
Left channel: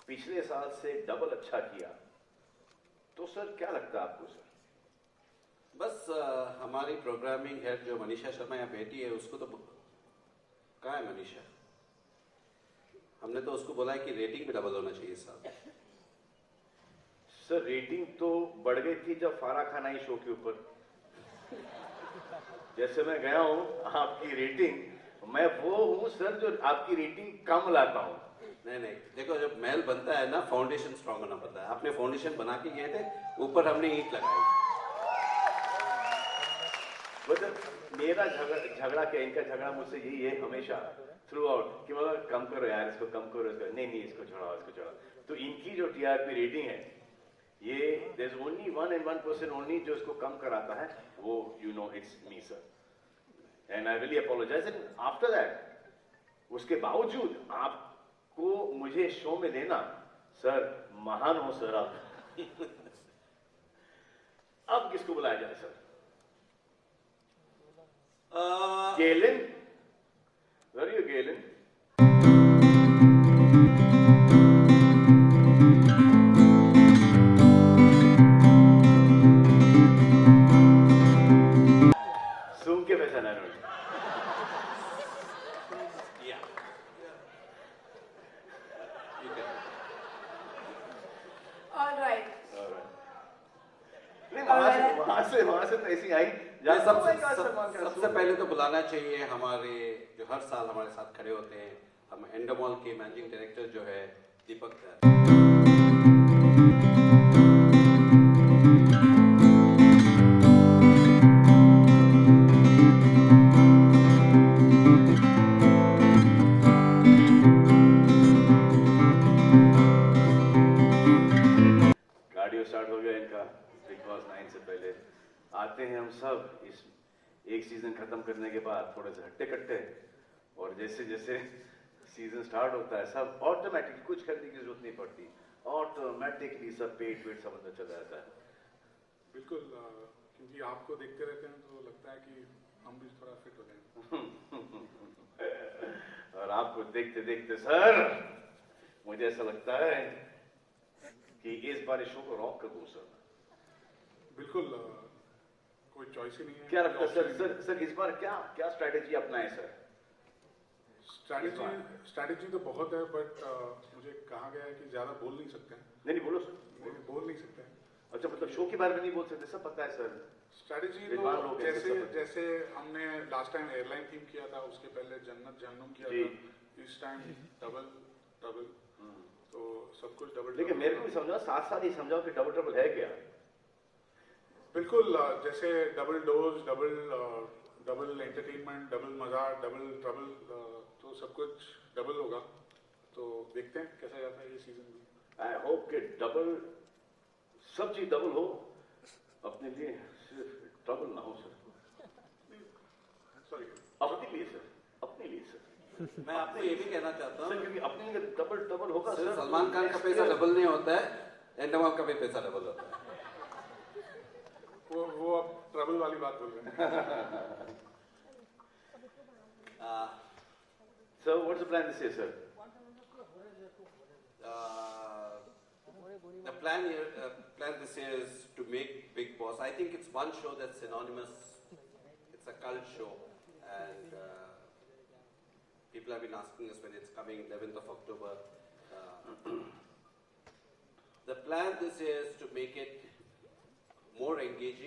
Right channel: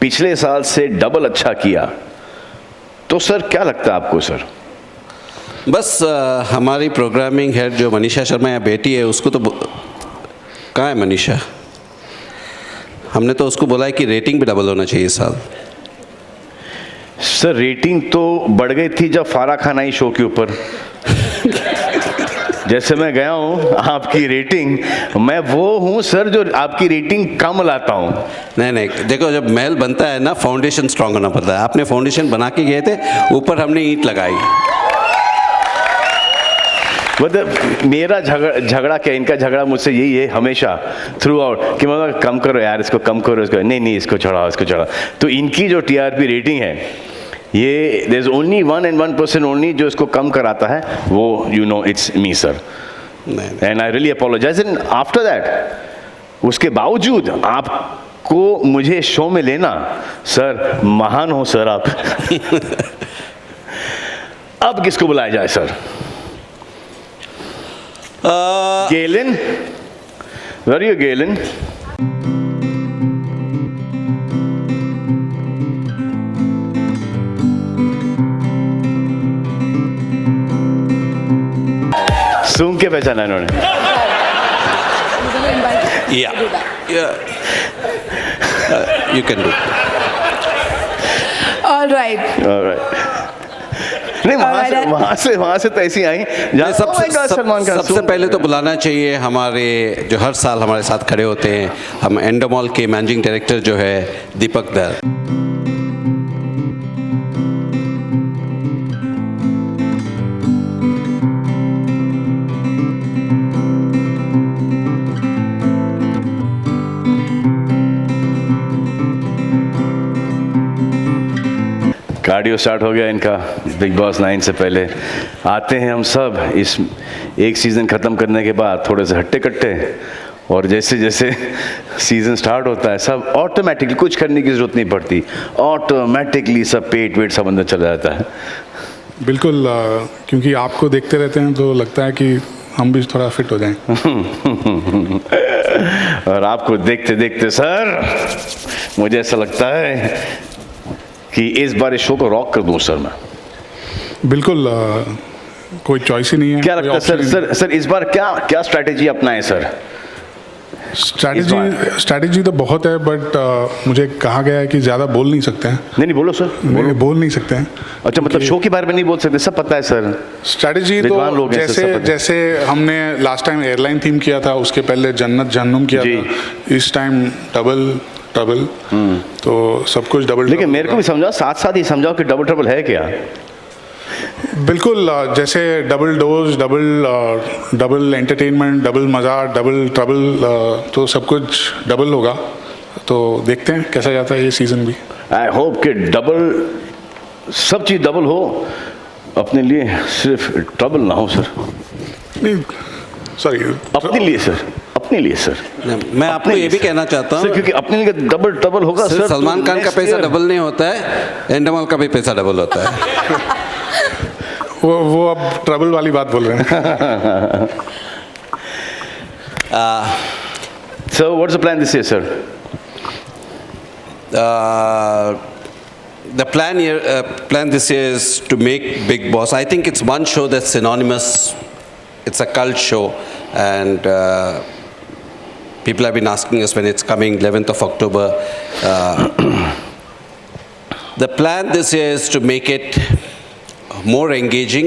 पिछले साल से डबल अच्छा किया तो सर क्या लगता है आपको सर? बस हमारी प्रोग्रामिंग हेड जो मनीषा शर्मा या बेटी है, उसको तो कहाँ है मनीषा? हमने तो उसको बोला है कि रेटिंग भी डबल होना चाहिए इस साल। सर रेटिंग तो बढ़ गई थी जब फारा खान आई शो के ऊपर। जैसे मैं गया हूँ आपकी रेटिंग, मैं वो हूँ सर जो आपकी रेटिंग कम लाता हूँ। नहीं नहीं, देखो जब महल बनता है ना, फाउंडेशन स्ट्रांग होना पड़ता है। आपने फाउंडेशन बना के गए थे, ऊपर हमने ईंट लगाई। मतलब मेरा झगड़ा क्या, इनका झगड़ा मुझसे यही है हमेशा थ्रू आउट कि मतलब कम करो यार, इसको कम करो, इसको नहीं इसको चढ़ाओ, इसको चढ़ाओ। तो इनकी जो TRP रेटिंग है, ये देयर इज ओनली 1% ओनली जो इसको कम कराता है, वो you know it's me sir, and I really apologise. And after that, उसके बावजूद आपको मुझे शो में लेना सर, महान हो सर आप। अब किसको बुलाया जाए sir? Galen? Where are you, Galen? सूंघ के पहचाना इन्होंने। You can do. All right. All right. नहीं Alright, वहाँ से तो ऐसी आई जहाँ सलमान खान सबसे पहले तो बुलाना चाहिए हमारे जो हर साल हमारे साथ खड़े होते हैं, हम एंडोमॉल के मैनेजिंग डायरेक्टर जो है दीपक दर। कार्डियो स्टार्ट हो गया इनका बिग बॉस 9 से पहले। आते हैं हम सब इस एक सीज़न ख़त्म करने के बाद थोड़े से हट्टे कट्टे, और जैसे जैसे सीज़न स्टार्ट होता है सब ऑटोमेटिकली, कुछ करने की ज़रूरत नहीं पड़ती, ऑटोमेटिकली सब पेट वेट सब अंदर चला जाता है। बिल्कुल, क्योंकि आपको देखते रहते हैं तो लगता है कि हम भी थोड़ा फिट हो जाएं। और आपको देखते देखते सर मुझे ऐसा लगता है कि इस बार इस शो को रॉक कर दूं सर मैं। बिल्कुल, कोई चॉइस ही नहीं है। क्या लगता है सर इस बार क्या स्ट्रैटेजी अपनाएं सर? स्ट्रैटेजी तो बहुत है, बट मुझे कहा गया है कि ज़्यादा बोल नहीं सकते हैं। नहीं बोलो सर, बोल नहीं सकते हैं। अच्छा, मतलब शो के बारे में नहीं बोल सकते, सब पता है सर। स्ट्रैटेजी तो जैसे हमने लास्ट टाइम एयरलाइन थीम किया था, उसके पहले जन्नत जहन्नुम किया था, इस टाइम डबल ट्रबल, तो सब कुछ डबल। लेकिन मेरे को भी समझाओ, साथ ही समझाओ कि डबल ट्रबल है क्या? बिल्कुल, जैसे double dose, double entertainment, double मज़ा, डबल ट्रबल, तो सब कुछ डबल होगा। तो देखते हैं कैसा जाता है ये सीज़न भी। आई होप कि डबल सब चीज़ डबल हो, अपने लिए सिर्फ ट्रबल ना हो सर। नहीं, सॉरी, अपने लिए सर, अपने लिए सर। मैं आपको ये भी कहना चाहता हूँ क्योंकि अपने लिए डबल ट्रबल होगा सर। सलमान खान का पैसा डबल नहीं होता है, एंडोमॉल का भी पैसा डबल होता है। वो अब ट्रबल वाली बात बोल रहे हैं। So what's the plan this year, sir? The plan this year is to make Big Boss. I think it's one show that's synonymous. It's a cult show, and people have been asking us when it's coming, 11th of October. The plan this year is to make it more engaging,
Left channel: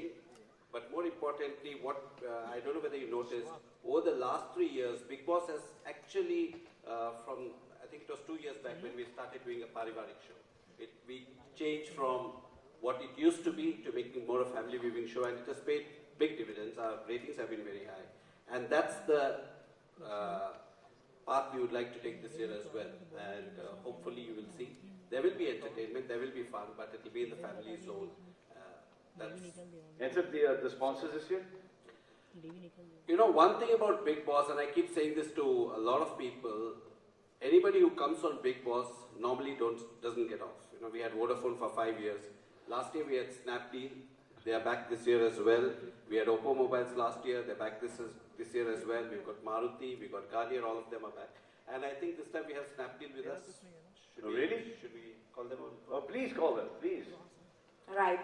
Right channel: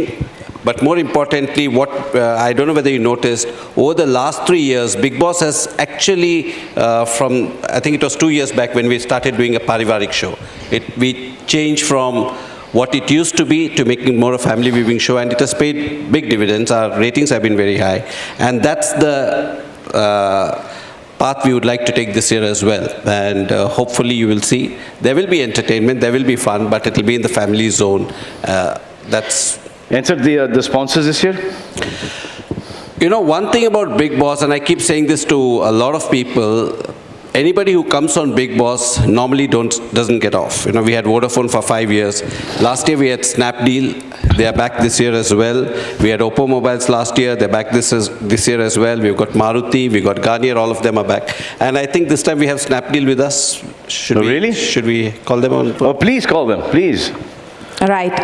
but more importantly, I don't know whether you noticed, over the last 3 years, Big Boss has actually, I think it was 2 years back when we started doing a Parivarik show. We changed from what it used to be to making more a family viewing show, and it has paid big dividends. Our ratings have been very high, and that's the path we would like to take this year as well. And hopefully you will see, there will be entertainment, there will be fun, but it will be in the family zone. And sir, the sponsors this year? You know, one thing about Big Boss, and I keep saying this to a lot of people, anybody who comes on Big Boss normally doesn't get off. You know, we had Vodafone for 5 years. Last year we had Snapdeal. They are back this year as well. We had Oppo Mobiles last year. They're back this year as well. We've got Maruti, we've got Garnier, all of them are back. And I think this time we have Snapdeal with us. Really? Should we call them on? Oh, please call them, please. All right.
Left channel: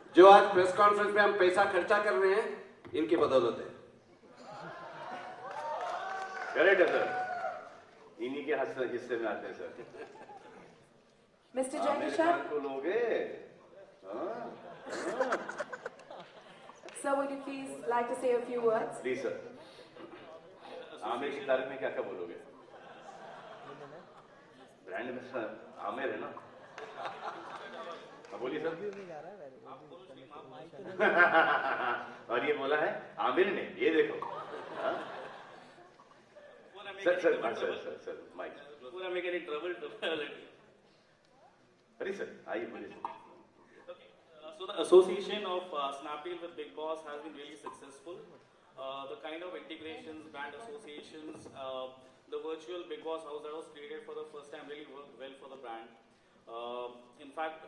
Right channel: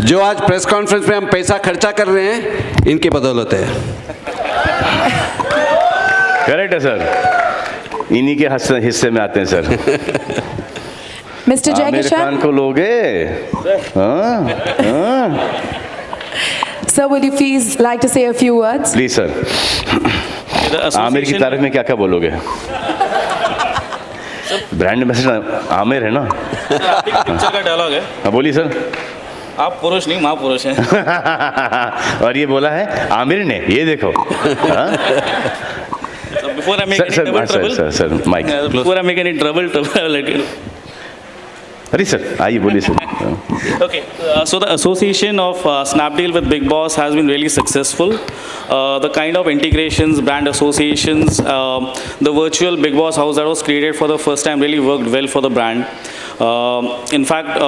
जो आज press conference में हम पैसा खर्चा कर रहे हैं, इनके बदौलत है। करेक्ट है सर, इन्हीं के हिस्से में आते हैं sir. Mr. Jai Aamir Kishan? Khan को लोगे? Sir, would you please like to say a few words? Please sir, Aamir की तारीफ में क्या क्या बोलोगे? ब्रांड एम्बेसडर आमिर है ना? पिक्चर का डायलॉग है। हाँ बोलिए सर। आप पुरुष नहीं महापुरुष हैं। और ये बोला है आमिर ने, ये देखो। Before I make any double trouble, sir mike. before I make any trouble, let you know. अरे सर आइए बोलिए sir. Okay, so the association of Snapdeal with Big Boss has been really successful. The kind of integrations, brand associations, the virtual Big Boss house that was created for the first time really worked well for the brand. In fact,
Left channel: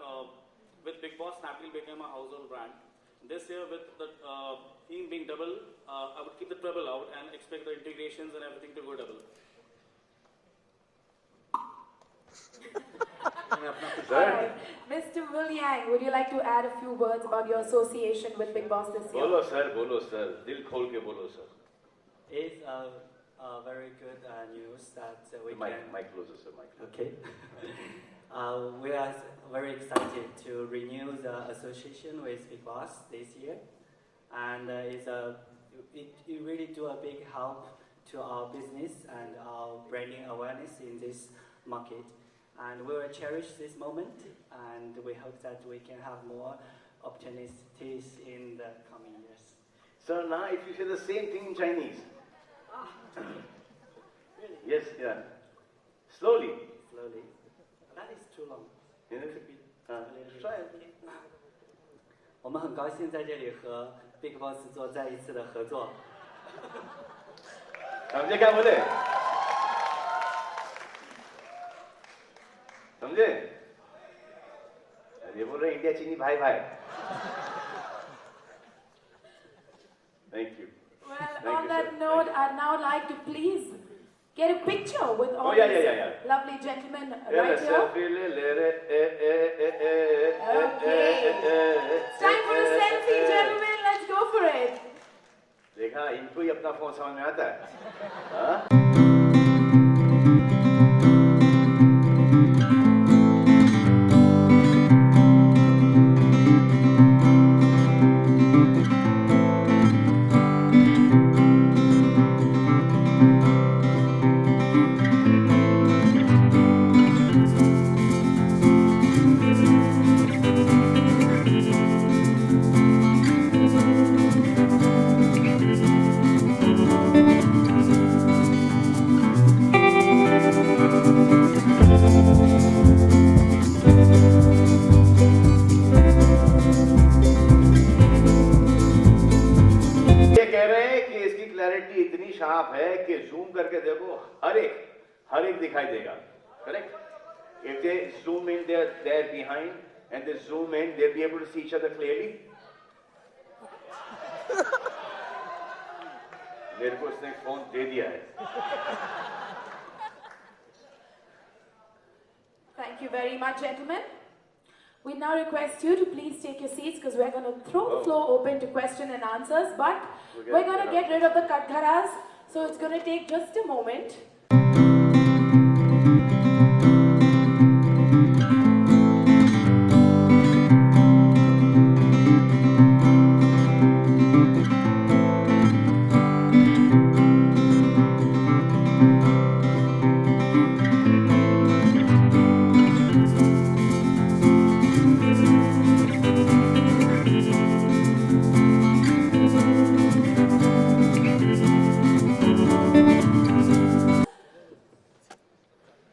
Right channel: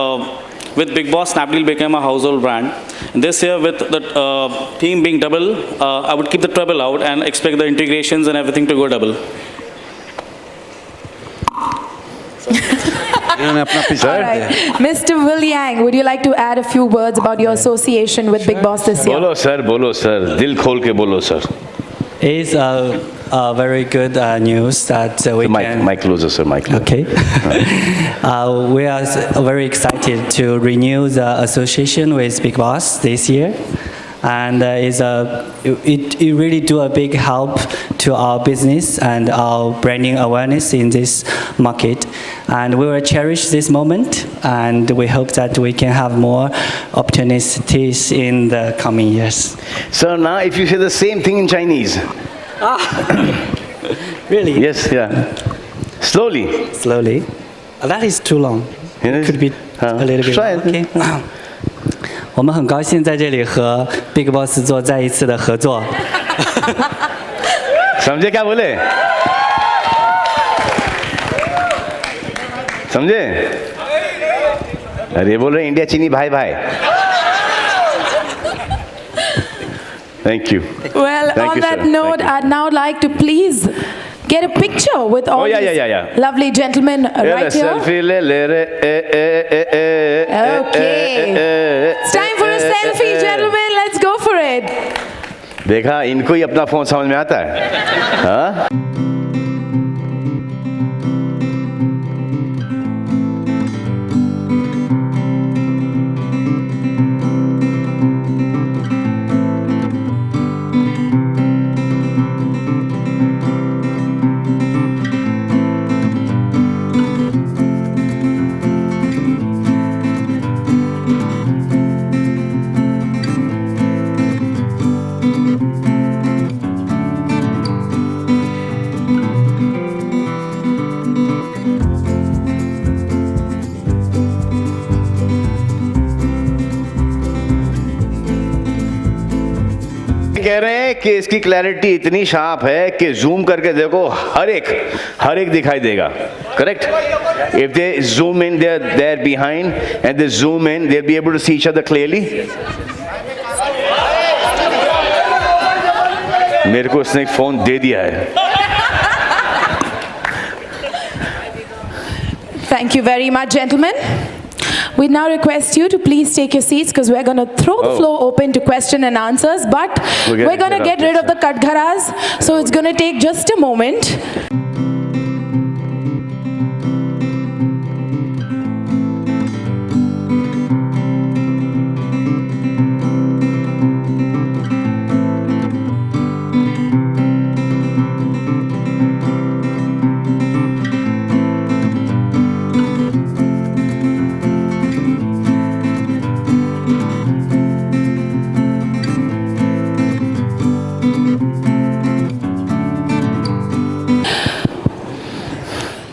with Big Boss, Snapdeal became a household brand. This year, with the theme being double, I would keep the treble out and expect the integrations and everything to go double. Mr. Will Yang, would you like to add a few words about your association with Big Boss this year? बोलो sir दिल खोल के बोलो sir. It's a very good news that we can. Mic closer, sir. Mic closer. Okay. We are very excited to renew the association with Big Boss this year. And it really do a big help to our business and our branding awareness in this market. And we will cherish this moment, and we hope that we can have more opportunities in the coming years. Sir, now if you say the same thing in Chinese. Really? Yes, yeah. Slowly. Slowly. That is too long. It could be a little bit. Try it. Okay. 我们很高兴在这里和 Big Boss 做再一次的合作。समझे क्या बोले? समझे? अरे बोल रहे India चीनी भाई भाई. Thank you. Well, Thank on you, that sir. note, Thank you. I'd now like to please get a picture with all these lovely gentlemen right here. Selfie le re. Okay. It's time for a selfie, gentlemen. Let's go for it. देखा इनको ही अपना phone समझ में आता है. हाँ? कि इसकी क्लैरिटी इतनी शार्प है कि जूम करके देखो हर एक दिखाई देगा. Correct? If they zoom in, they're there behind, and they zoom in, they'll be able to see each other clearly. मेरे को इसने एक फोन दे दिया है. Thank you very much, gentlemen. We now request you to please take your seats because we're going to throw the floor open to question and answers, but we're going to get rid of the katgharas, so it's going to take just a moment.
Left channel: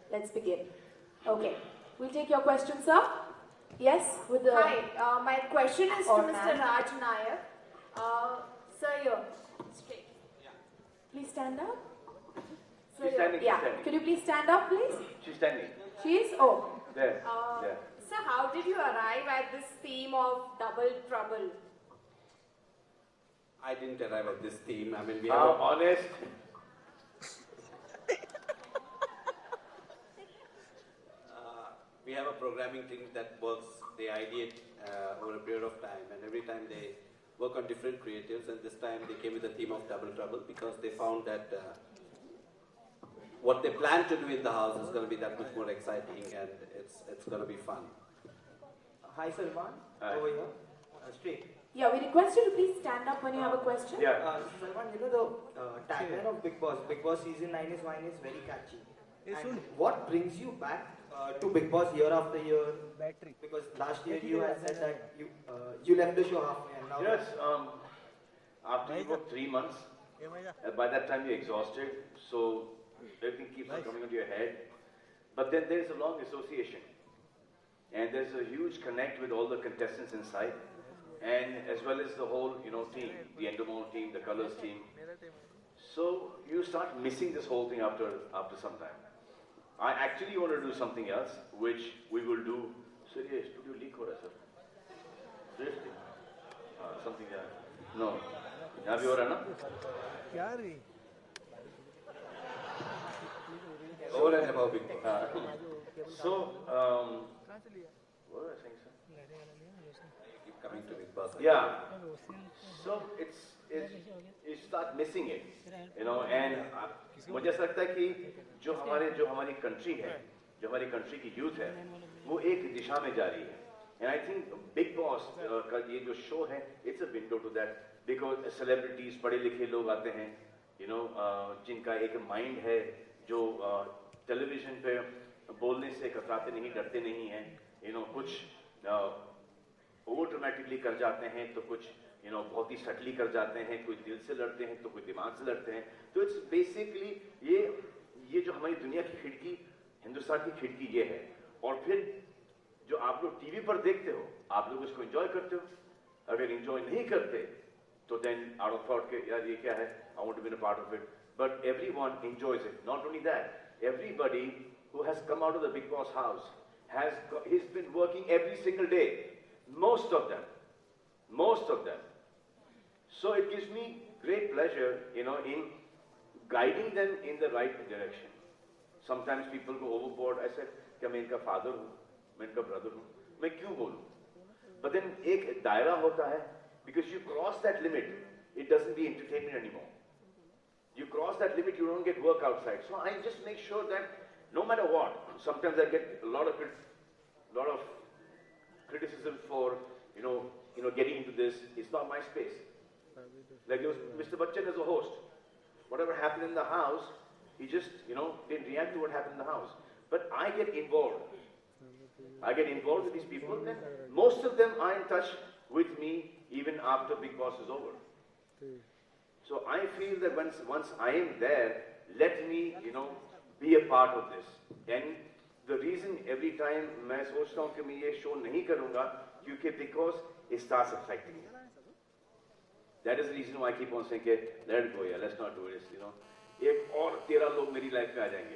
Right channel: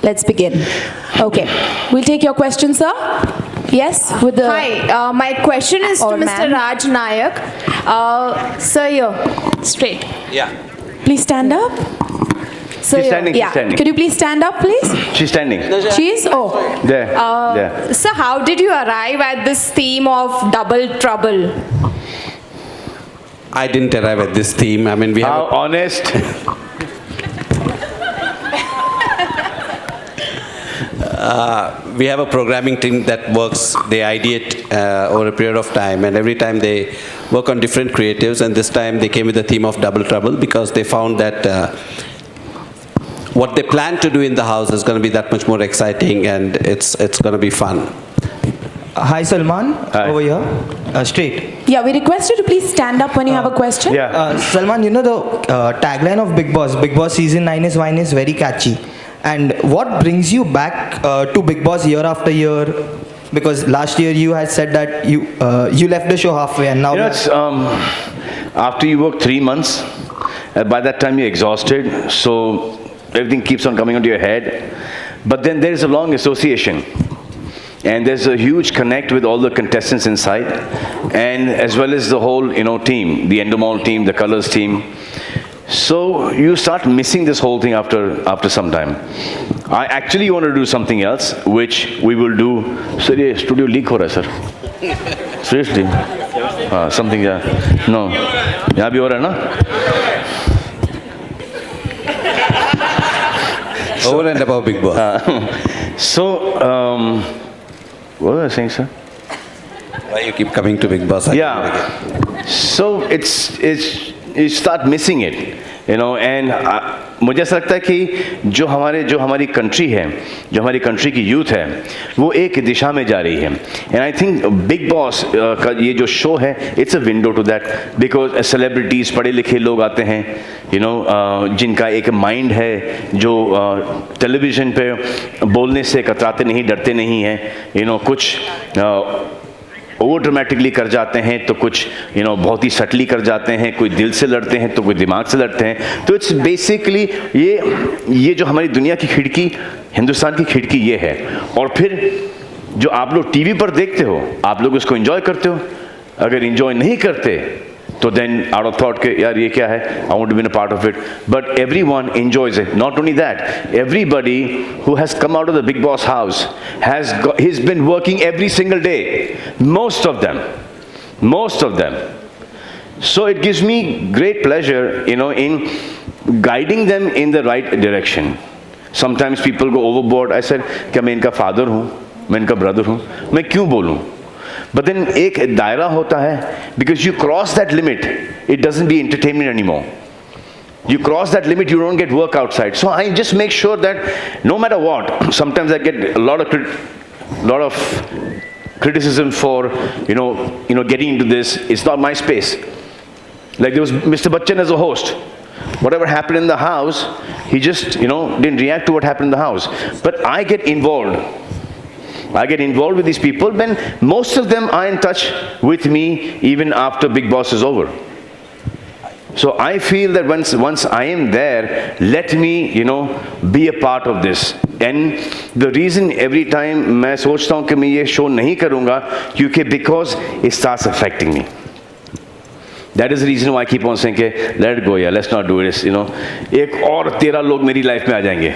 Let's begin. Okay, we'll take your question, sir. Yes, with the... Hi, my question is to Or Mr. ma'am. Raj Nayak. Sir, here, straight. Yeah. Please stand up. So She's standing, she's yeah. standing. Could you please stand up, please? She's standing. She is? Oh. There. There. Sir, how did you arrive at this theme of double trouble? I didn't arrive at this theme. I mean, we have. How honest. We have a programming team that works, they ideate over a period of time, and every time they work on different creatives, and this time they came with the theme of Double Trouble because they found that what they plan to do in the house is going to be that much more exciting, and it's going to be fun. Hi, Salman. Hi. Over here. Straight. Yeah, we request you to please stand up when you have a question. Yeah. Salman, you know the tagline of Big Boss Season 9 is wine is very catchy. And what brings you back to Big Boss year after year? Because last year you had said that you left the show halfway, and now... You know, it's, after you work 3 months, by that time you're exhausted, so everything keeps on coming onto your head. But then there is a long association. And there's a huge connect with all the contestants inside, and as well as the whole, team, the Endemol team, the Colors team. So you start missing this whole thing after some time. I actually want to do something else, which we will do. Sir, ये studio leak हो रहा है sir. Seriously? Something no. यहाँ भी हो रहा है ना? Over and above Big Boss. What was I saying, sir? Why you keep coming to Big Boss? Yeah. So you start missing it, you know, and मुझे ऐसा लगता है कि जो हमारी कंट्री है, जो हमारी कंट्री की यूथ है, वो एक दिशा में जा रही है. And I think Bigg Boss का ये जो शो है, it's a window to that, because celebrities, पढ़े लिखे लोग आते हैं, यू नो, जिनका एक माइंड है, जो टेलीविज़न पे बोलने से कतराते नहीं, डरते नहीं हैं, यू नो, कुछ ओवर ड्रामेटिकली कर जाते हैं, तो कुछ यू नो बहुत ही सटली कर जाते हैं, कोई दिल से लड़ते हैं तो कोई दिमाग से लड़ते हैं. तो इट्स बेसिकली ये जो हमारी दुनिया की खिड़की, हिंदुस्तान की खिड़की ये है. और फिर जो आप लोग टीवी पर देखते हो, आप लोग उसको एंजॉय करते हो. अगर एंजॉय नहीं करते तो देन आउट ऑफ थॉट के यार ये क्या है, I want to be a part of it. But everyone enjoys it. Not only that, everybody who has come out of the Big Boss house he's been working every single day, most of them. So it gives me great pleasure, you know, in guiding them in the right direction. Sometimes people go overboard. I said क्या मैं इनका father हूँ, मैं इनका brother हूँ, मैं क्यों बोलूँ? But then एक दायरा होता है, because you cross that limit, it doesn't be entertainment anymore. You cross that limit, you don't get work outside. So I just make sure that no matter what, sometimes I get a lot of criticism for you know getting into this. It's not my space. Like there was Mr. Bachchan as a host. Whatever happened in the house, he just didn't react to what happened in the house. But I get involved. I get involved with these people when most of them are in touch with me even after Big Boss is over. So I feel that once I am there, let me be a part of this. And the reason every time मैं सोचता हूँ कि मैं ये show नहीं करूँगा, क्योंकि because it starts affecting me. That is the reason why I keep on saying कि let it go, yeah, let's not do this. एक और 13 लोग मेरी लाइफ में आ जाएंगे.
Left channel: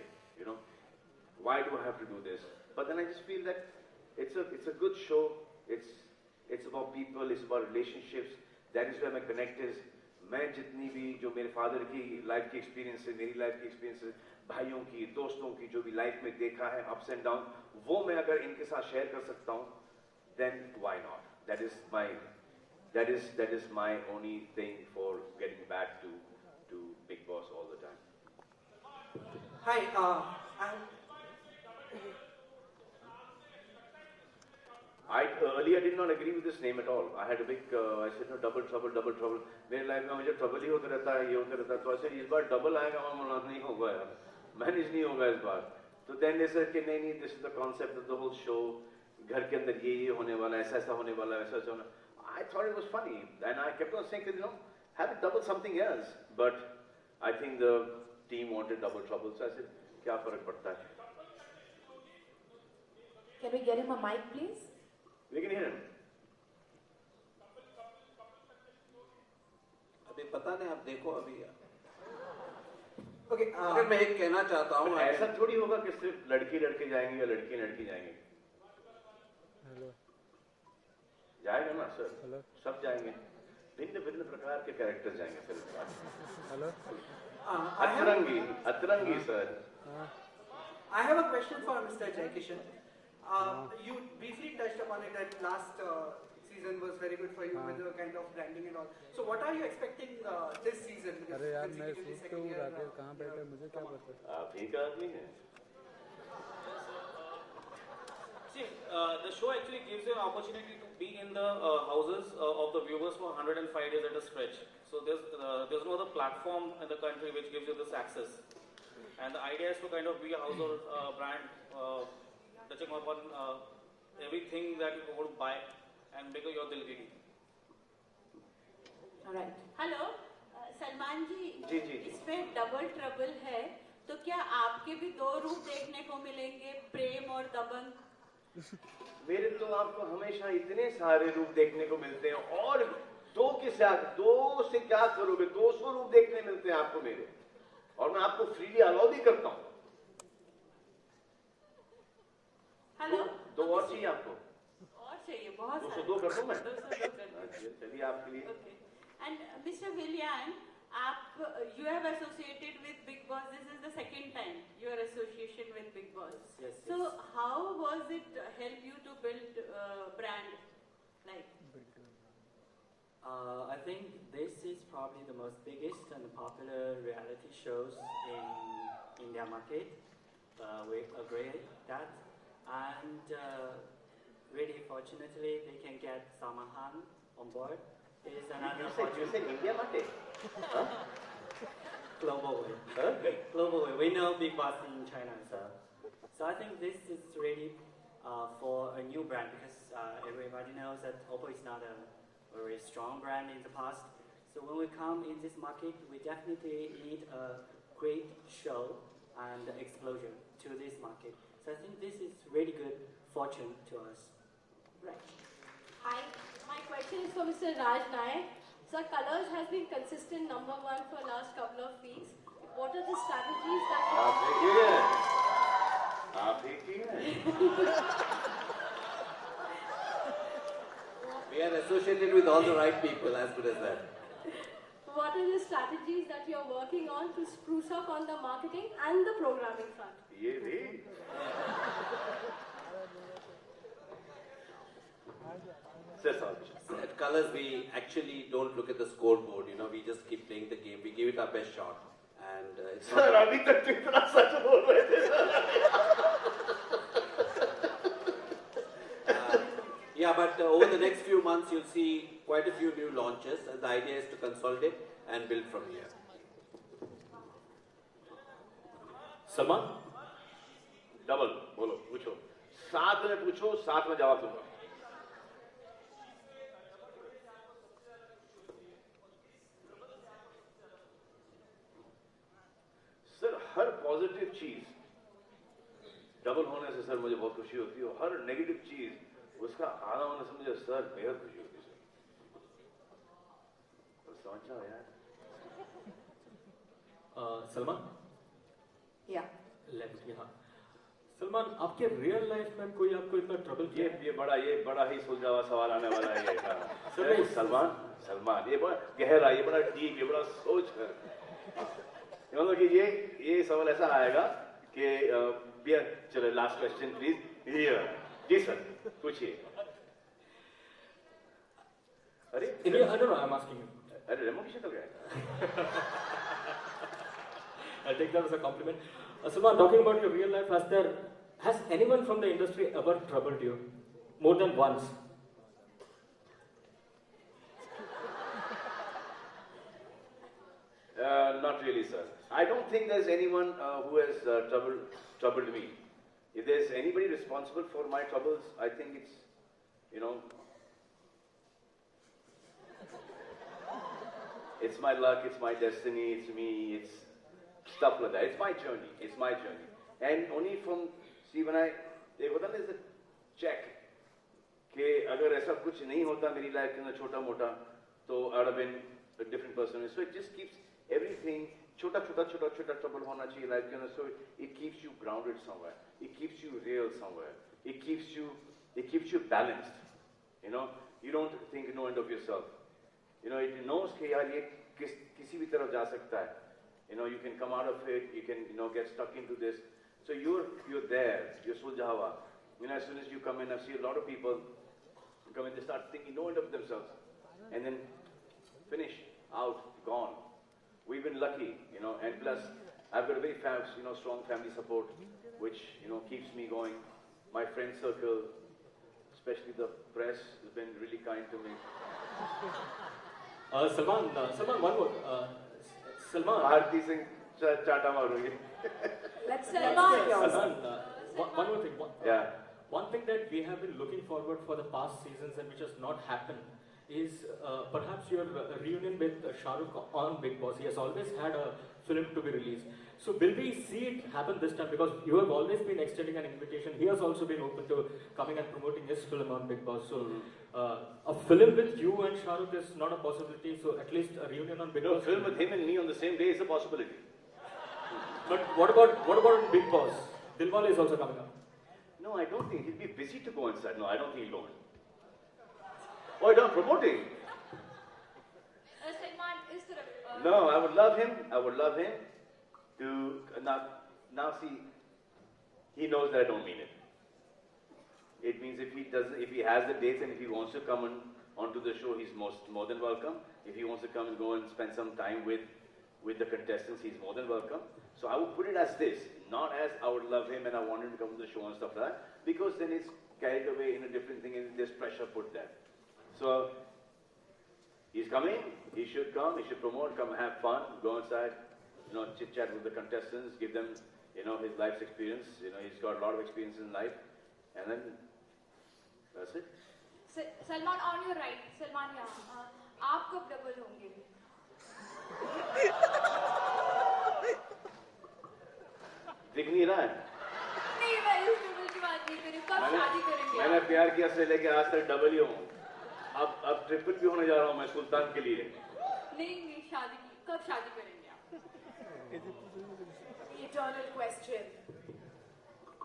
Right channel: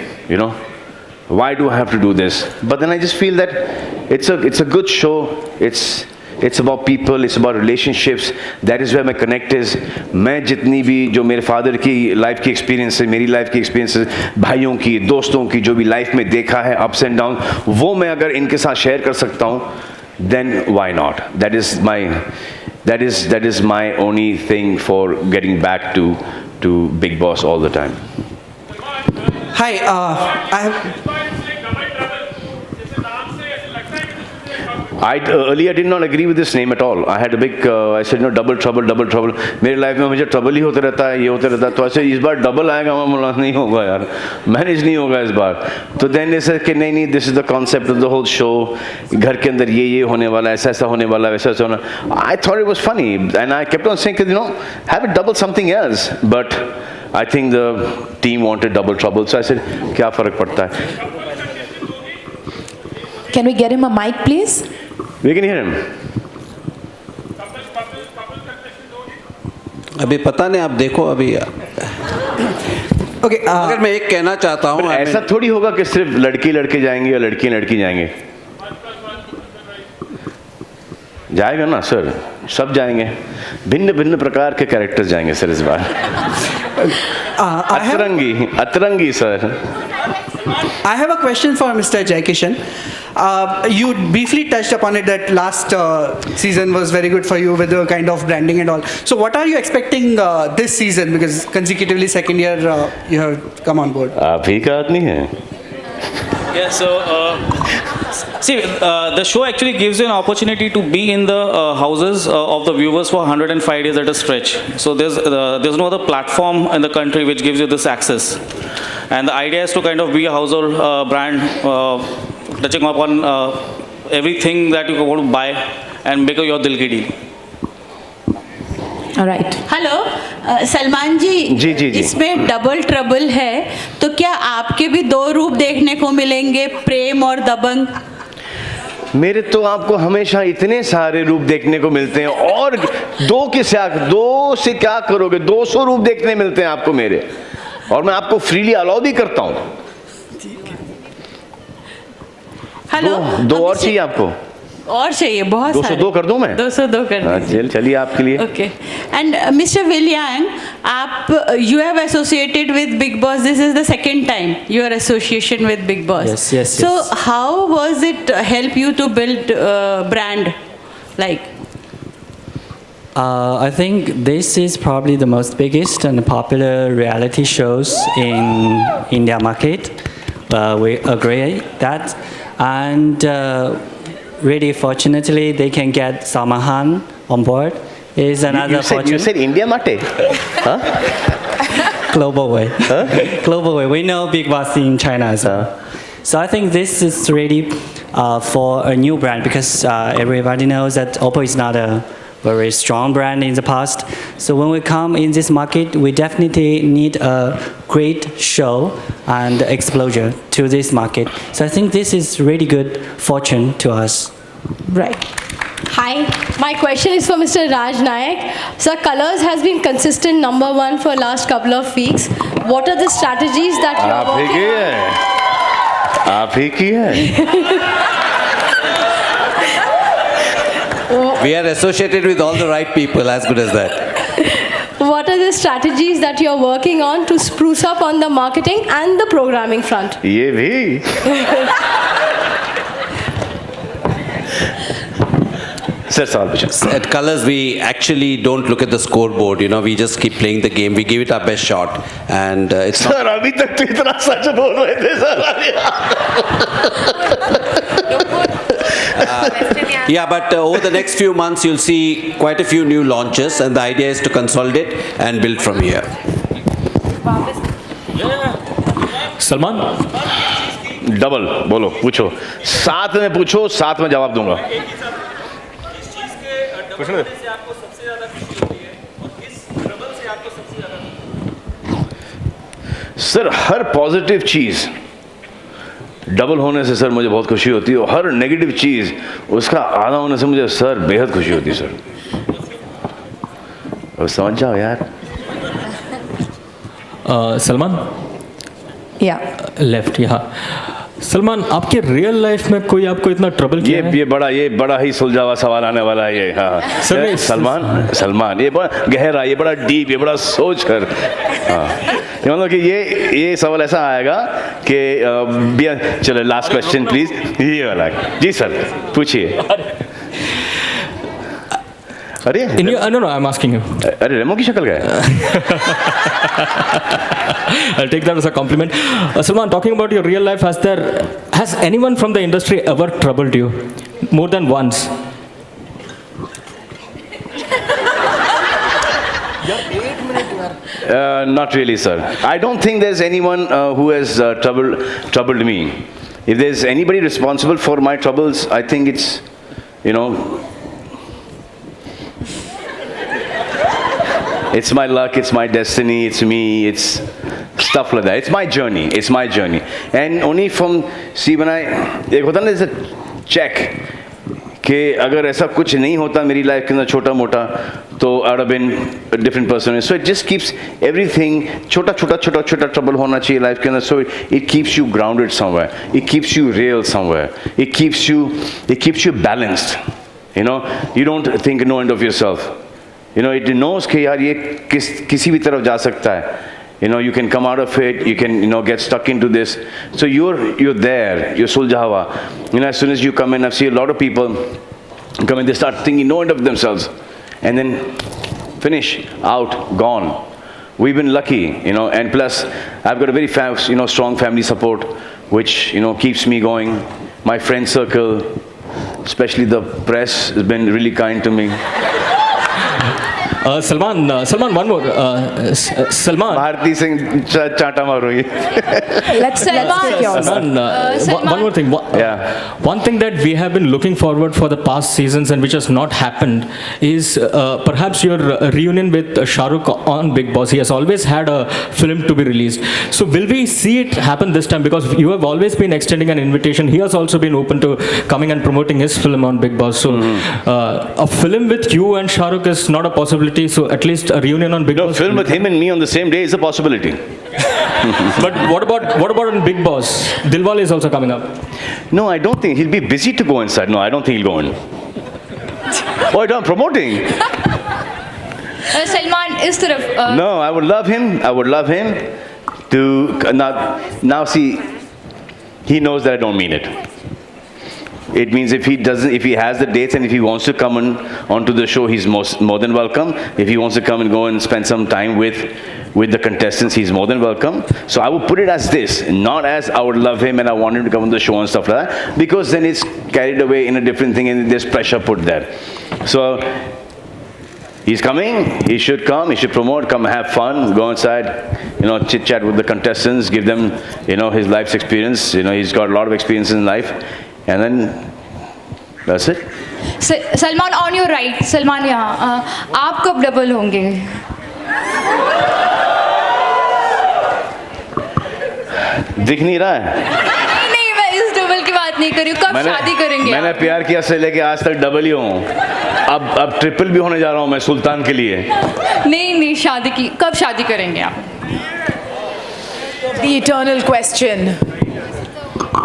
Why do I have to do this? But then I just feel that it's a good show. It's about people, it's about relationships. That is where my connect is. मैं जितनी भी जो मेरे फादर की life की experience है, मेरी life की एक्सपीरियंस है, भाइयों की, दोस्तों की, जो भी लाइफ में देखा है अप्स एंड डाउन, वो मैं अगर इनके साथ शेयर कर सकता हूँ, then why not? That is my only thing for getting back to Big Boss all the time. Hi, I earlier did not agree with this name at all. I had a big, I said double trouble. मेरे life में मुझे trouble ही होता रहता है, ये होता रहता है. तो ऐसे इस बार डबल आएगा, मैं बोला नहीं होगा यार, मैनेज नहीं होगा इस बार. तो देन ऐसे कि नहीं, this is the concept of the whole show. घर के अंदर ये होने वाला है, ऐसा होने वाला है, वैसा होना. I thought it was funny and I kept on saying have it double something else. But I think the team wanted double trouble, so I said क्या फर्क पड़ता है. Can we get him a mic, please? We can hear him. अभी पता नहीं, आप देखो अभी. Okay, अगर मैं एक कहना चाहता हूँ, ऐसा थोड़ी होगा कि सिर्फ लड़के जाएंगे या लड़की जाएंगे. जाएगा ना सर, सब जाएंगे. भिन्न प्रकार के कैरेक्टर्स जाएंगे सर इस बार. अतरंगी sir. I have a question for Mr. Jaikishan. You briefly touched upon it that last season was very good for you with the kind of branding and all. So what are you expecting this season? Because consecutively second year you have come on board. आप ही का आदमी है. Yeah, so see, the show actually gives you an opportunity to be in the houses of the viewers for 105 days at a stretch. So there's no other platform in the country which gives you this access. And the idea is to kind of be a household brand, touching upon everything that you want to buy and make your dil ki deal. All right. Hello Salman ji, इसमें double trouble है, तो क्या आपके भी दो रूप देखने को मिलेंगे, प्रेम और दबंग? मेरे तो आपको हमेशा इतने सारे रूप देखने को मिलते हैं, और दो से क्या करोगे, 200 रूप देखने मिलते हैं आपको मेरे, और मैं आपको फ्रीली अलाउ भी करता हूं। हेलो, दो और चाहिए आपको? और चाहिए बहुत 202 कर दूं मैं? 202 कर दीजिए। चलिए आपके लिए। Okay. And Mr. Will Yang, you have associated with Bigg Boss. This is the second time your association with Bigg Boss. Yes. So how was it help you to build brand, like? I think this is probably the most biggest and popular reality shows in India market. We agree that, and really fortunately they can get Salman Khan on board. Is another fortune. You said India Mate? Huh? Global way. Huh? Global way. We know Bigg Boss in China as well. So I think this is really for a new brand, because everybody knows that Oppo is not a very strong brand in the past. So when we come in this market, we definitely need a great show and exposure to this market. So I think this is really good fortune to us. Right. Hi, my question is for Mr. Raj Nayak. Sir, Colors has been consistent #1 for last couple of weeks. What are the strategies that you are working on? आप ही की है। We are associated with all the right people, as good as that. What are the strategies that you are working on to spruce up on the marketing and the programming front? ये भी। Sir, सवाल पूछो। At Colors, we actually don't look at the scoreboard. You know, we just keep playing the game. We give it our best shot, and it's not. Sir अभी तक तो इतना सच बोल रहे थे sir. Yeah, but over the next few months, you'll see quite a few new launches, and the idea is to consolidate and build from here. Salman, double बोलो, पूछो, साथ में पूछो, साथ में जवाब दूंगा। सर हर पॉजिटिव चीज डबल होने से सर मुझे बहुत खुशी होती है, और हर नेगेटिव चीज उसका आधा होने से मुझे सर बेहद खुशी होती है सर। अब समझ जाओ यार। सलमान, या लेफ्ट यहाँ। सलमान, आपके रियल लाइफ में कोई आपको इतना ट्रबल किया है? ये बड़ा ही सुलझा हुआ सवाल आने वाला है ये। हाँ सलमान ये बड़ा गहरा, ये बड़ा डीप, ये बड़ा सोच कर। हाँ ये मतलब कि ये सवाल ऐसा आएगा कि चलो लास्ट क्वेश्चन प्लीज, ये वाला। जी सर पूछिए। अरे no, I'm asking him. अरे रेमो की शक्ल क्या है? I'll take that as a compliment. Salman, talking about your real life, has anyone from the industry ever troubled you more than once? Not really, sir. I don't think there's anyone who has troubled me. If there's anybody responsible for my troubles, I think it's, it's my luck, it's my destiny, it's me, it's stuff like that. It's my journey. And only from, see, when एक होता ना जैसे check, कि अगर ऐसा कुछ नहीं होता मेरी लाइफ के अंदर छोटा मोटा, तो I would have been a different person. So it just keeps everything, छोटा trouble होना चाहिए लाइफ के अंदर. So it keeps you grounded somewhere. It keeps you real somewhere. It keeps you balanced. You don't think no end of yourself. It knows कि यार ये किसी भी तरफ जा सकता है. You can come out of it, you can, get stuck into this. So you're there, you're Suljahwa. As soon as you come in, I've seen a lot of people come in, they start thinking no end of themselves. And then finish, out, gone. We've been lucky, and plus I've got a very strong family support, which, keeps me going. My friend circle, especially the press, has been really kind to me. Salman, one more. Salman. Bharti Singh चाटा मारो ये. Let's take yours. Salman, one more thing. One thing that we have been looking forward for the past seasons and which has not happened is perhaps your reunion with Shah Rukh on Big Boss. He has always had a film to be released. So will we see it happen this time? Because you have always been extending an invitation. He has also been open to coming and promoting his film on Big Boss. So a film with you and Shah Rukh is not a possibility. So at least a reunion on Big Boss. A film with him and me on the same day is a possibility. But what about on Big Boss? Dilwale is also coming up. No, I don't think he'll be busy to go inside. No, I don't think he'll go in. Oh, I'm promoting. Salman इस तरफ No, I would love him. I would love him to now see. He knows that I don't mean it. It means if he has the dates and if he wants to come onto the show, he's more than welcome. If he wants to come and go and spend some time with the contestants, he's more than welcome. So I would put it as this, not as I would love him and I want him to come on the show and stuff like that, because then it's carried away in a different thing and there's pressure put there. So he's coming, he should come, he should promote, come have fun, go inside, chit chat with the contestants, give them, his life's experience. He's got a lot of experience in life. And then that's it. Salman on your right Salman यहाँ आप कब double होंगे दिख नहीं रहा है नहीं मैं इस डबल की बात नहीं कर रही हूँ कब शादी करेंगे मैंने प्यार किया से लेके आज तक डबल ही हूँ अब ट्रिपल भी होने जा रहा हूँ मैं सुल्तान के लिए नहीं शादी की कब शादी करेंगे आप The eternal question.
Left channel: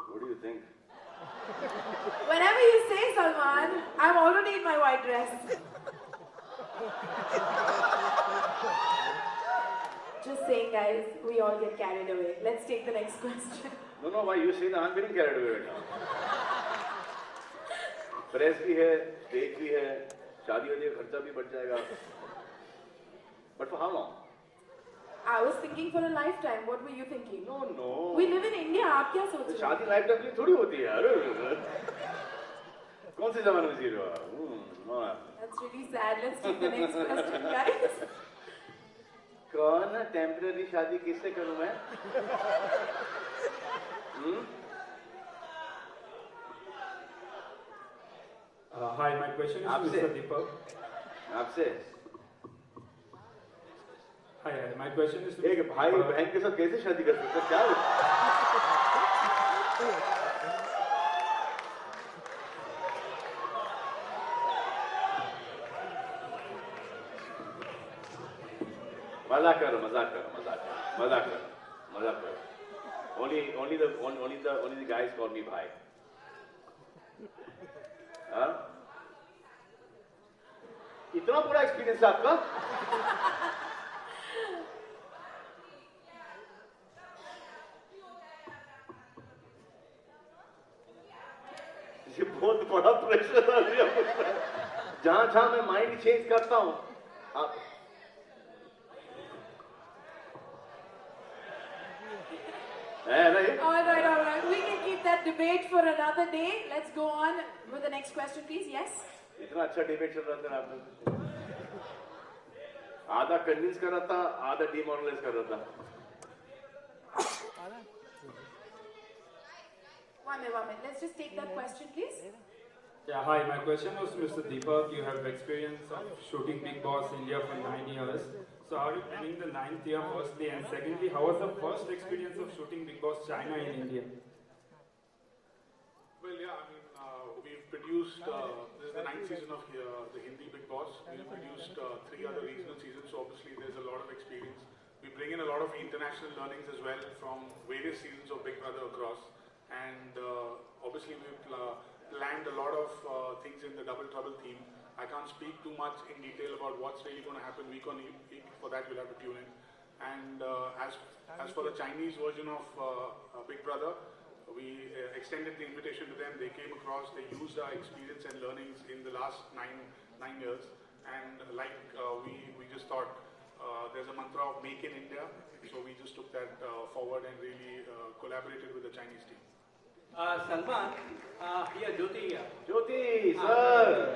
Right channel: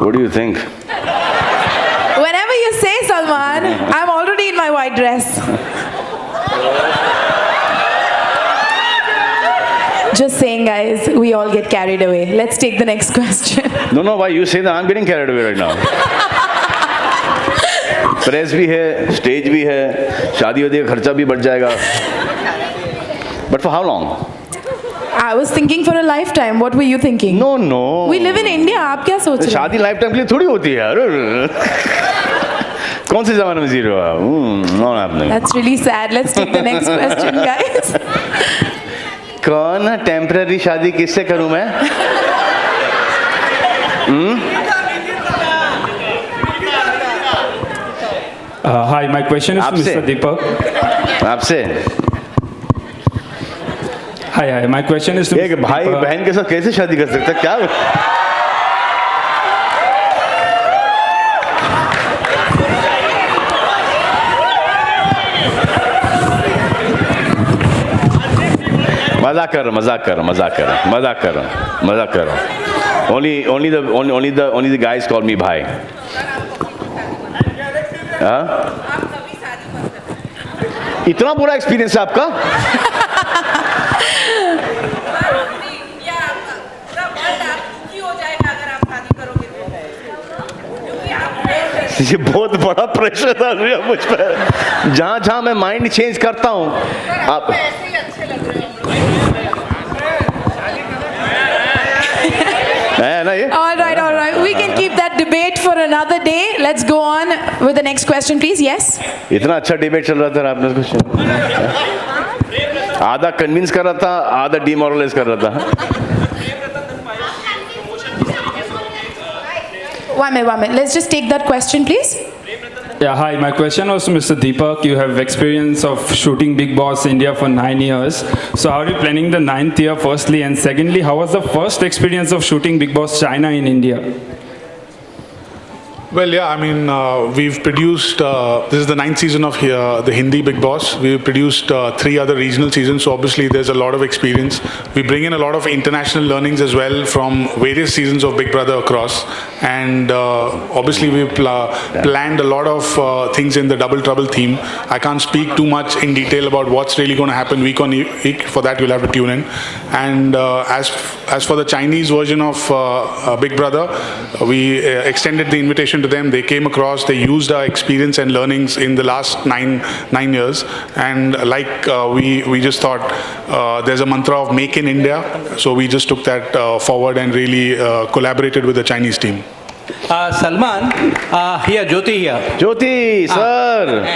What do you think? Whenever you say, Salman, I'm already in my white dress. Just saying, guys, we all get carried away. Let's take the next question. No, why you say that? I'm getting carried away right now. Press भी है, stage भी है, शादी वादी का खर्चा भी बढ़ जाएगा. But for how long? I was thinking for a lifetime. What were you thinking? No. We live in India. आप क्या सोच रहे हैं? शादी लाइफटाइम के लिए थोड़ी होती है यार. कौन से ज़माने में जी रहे हो आप? Not happening. That's really sad. Let's take the next question, guys. कौन टेम्पररी शादी किससे करूं मैं? Hi, my question is to Mr. Deepak. आपसे? Hi, my question is to Mr. एक भाई बहन के साथ कैसे शादी कर सकता है? क्या? मजाक कर रहा. Only the guys call me भाई. हाँ? इतना बुरा एक्सपीरियंस है आपका? ये बहुत बड़ा प्रेशर था मुझ पर. जहाँ मैं माइंड चेंज करता हूँ आप All right. We can keep that debate for another day. Let's go on with the next question, please. Yes. इतना अच्छा डिबेट चल रहा था आपने कुछ आधा कन्विंस कर रहा था आधा डिमोरलाइज कर रहा था. One minute. Let's just take that question, please. Yeah, hi. My question was to Mr. Deepak. You have experience of shooting Big Boss India for 9 years. So how are you planning the 9th year, firstly? And secondly, how was the first experience of shooting Big Boss China in India? Well, yeah, I mean, we've produced, this is the 9th season of the Hindi Big Boss. We've produced 3 other regional seasons, so obviously there's a lot of experience. We bring in a lot of international learnings as well from various seasons of Big Brother across. And obviously we've planned a lot of things in the Double Trouble theme. I can't speak too much in detail about what's really going to happen week on week. For that, you'll have to tune in. And as for the Chinese version of Big Brother, we extended the invitation to them. They came across, they used our experience and learnings in the last nine years. And we just thought there's a mantra of Make in India. So we just took that forward and really collaborated with the Chinese team. Salman, here, Jyoti here. Jyoti, sir.